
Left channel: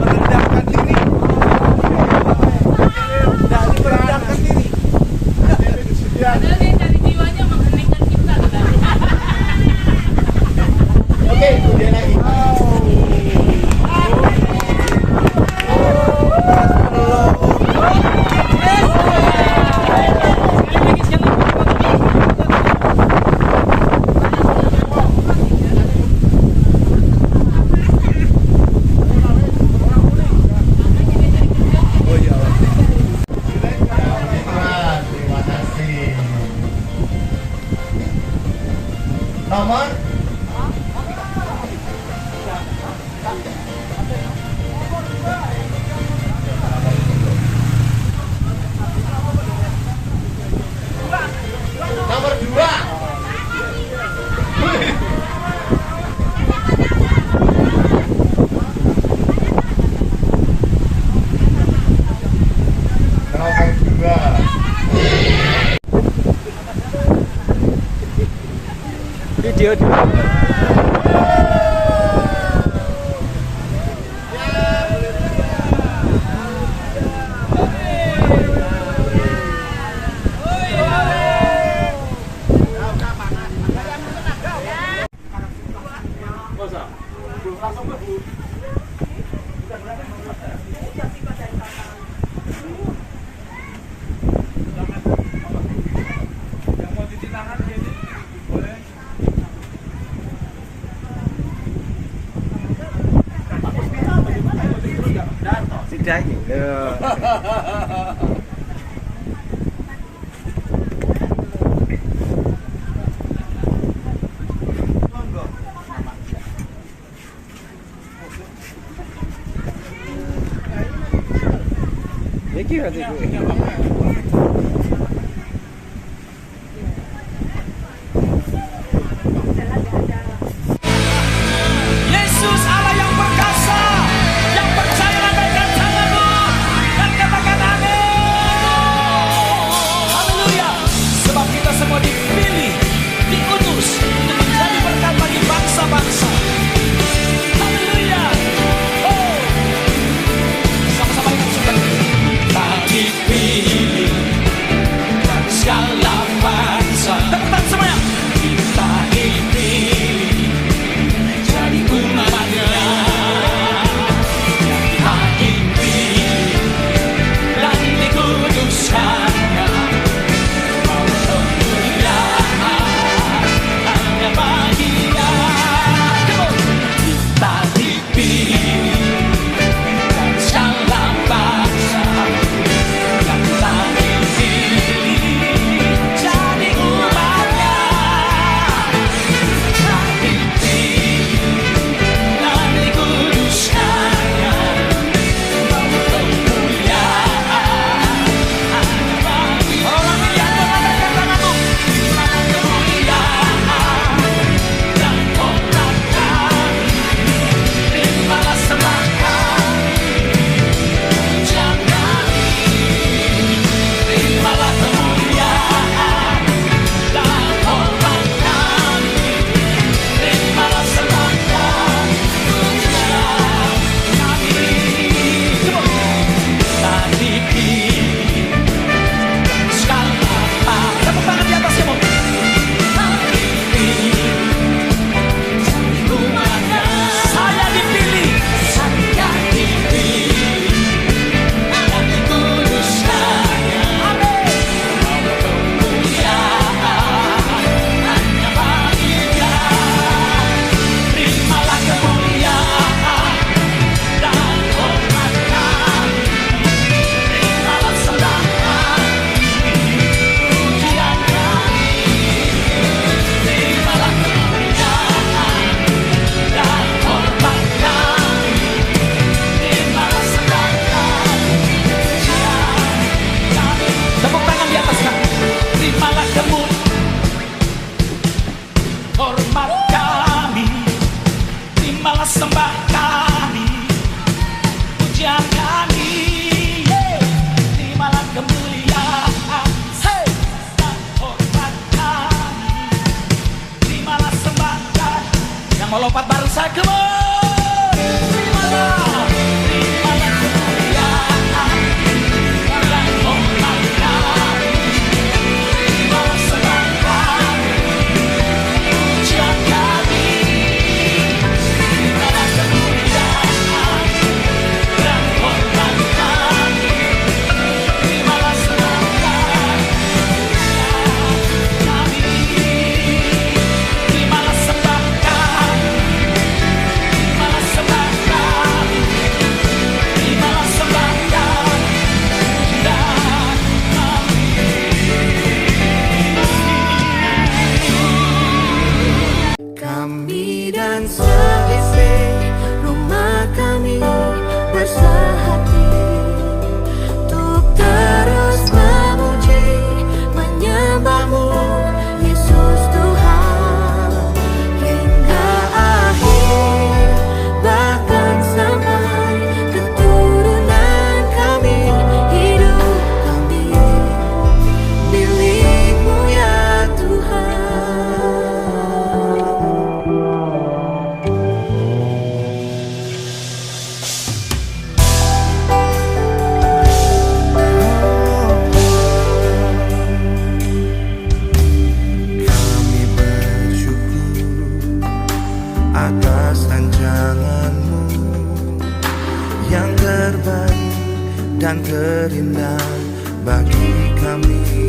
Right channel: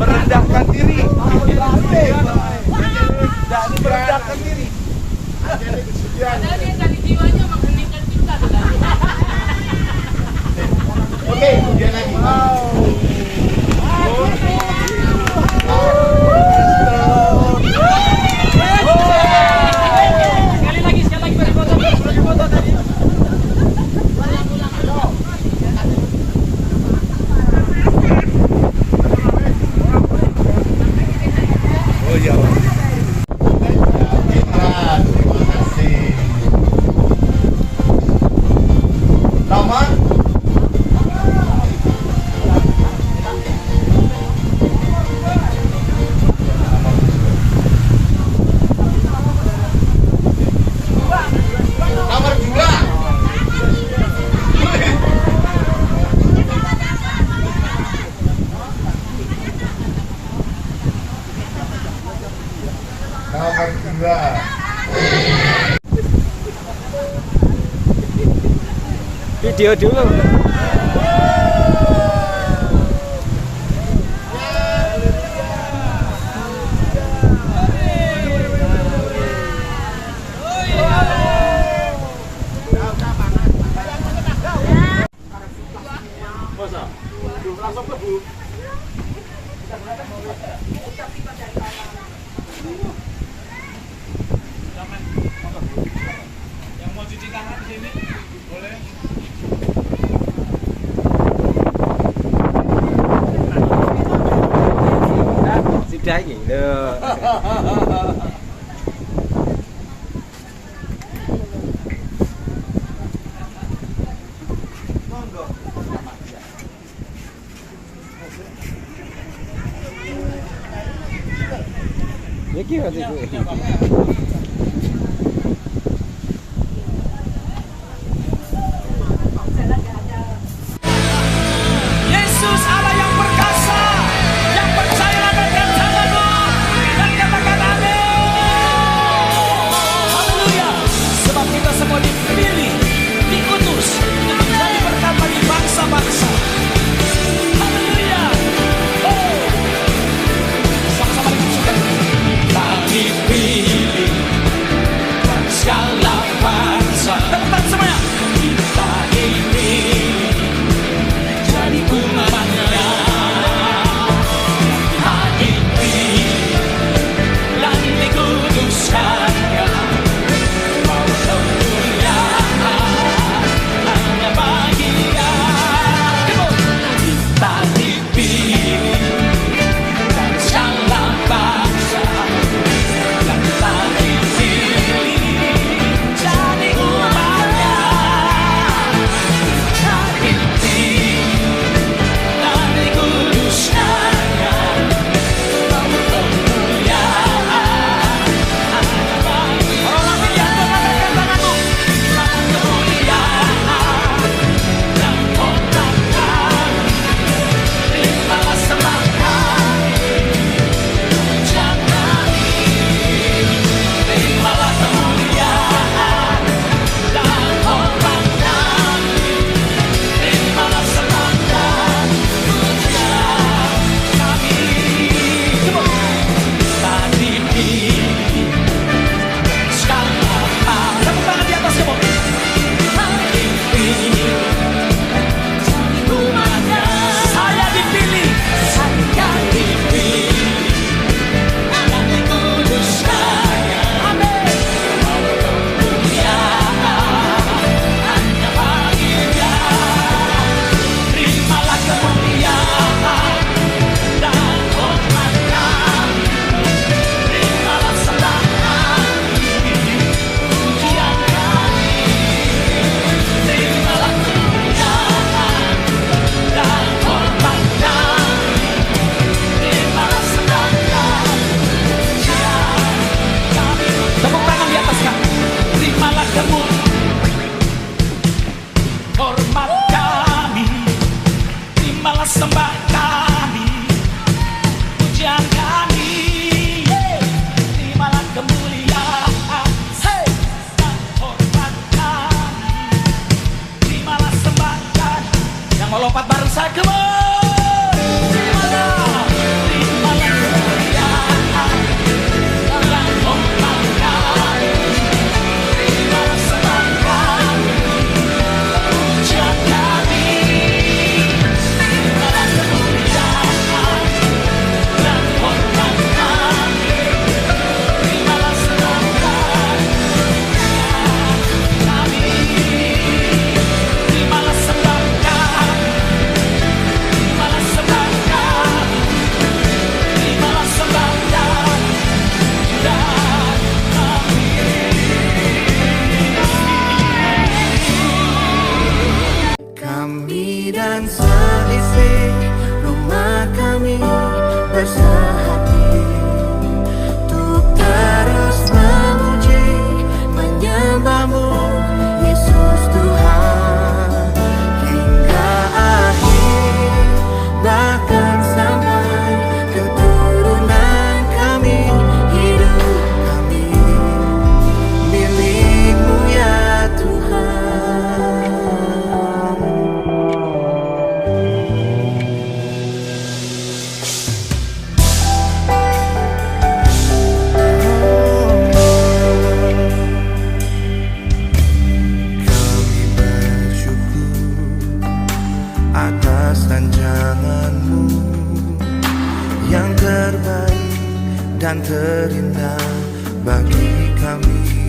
Merendahkan diri. Dari merendahkan diri. Oke, kemudian lagi. Oh iya. Lanjutkan, terima kasih. Nomor nomor 2. Nomor 2. Video dulu. Sudah ini. Ya kira tu. Yesus Allah yang perkasa, yang percaya lambaikan tanganmu dan katakan amin. Haleluya. Sebab kita semua dipilih, diutus untuk menjadi berkat bagi bangsa-bangsa. Haleluya. Oh. Sama-sama dengan suka. Kita dipilih dan segala bangsa. Tepat semuanya. Kita dipilih jadi umatnya yang dipilih dan dikuduskannya, mau kemuliaan hanya bagi Dia. Kita dipilih dan segala bangsa yang kita dipilih jadi umatnya. Kita dipilih dan dikuduskannya, mau kemuliaan hanya bagi orang yang mengangkat tanganmu. Mau kemuliaan dan hormat kami, terimalah sembah kami, pujian kami, terimalah kemuliaan dan hormat kami, terimalah sembah kami, pujian kami. Kita dipilih segala hal. Tepuk tangan di atas semua. Dipilih jadi umatnya. Saya dipilih, saya dipilih dan dikuduskannya. Amin. Mau kemuliaan hanya bagi Dia. Terimalah kemuliaan dan hormat kami, terimalah sembah kami, pujian kami, terimalah kemuliaan dan hormat kami, terimalah sembah kami, pujian kami. Tepuk tangan di atas kami. Terimalah hormat kami, terimalah sembah kami, pujian kami, terimalah kemuliaan dan hormat kami, terimalah sembah kami yang Yang mau lompat bareng saya, come on. Terimalah kemuliaan dan hormatkan. Terimalah sembahkan pujian kami. Terimalah kemuliaan dan hormatkan. Terimalah sembahkan kami. Terimalah sembahkan. Terimalah sembahkan. Terimalah sembahkan dan Kami dan seisi rumah kami bersehati untuk terus memuji, menyembahmu Yesus Tuhan hingga akhir, bahkan sampai keturunan kami. Hidup kami milik-Mu ya Tuhan. Kami bersyukur atas rancangan-Mu yang terbaik dan terindah bagi kami.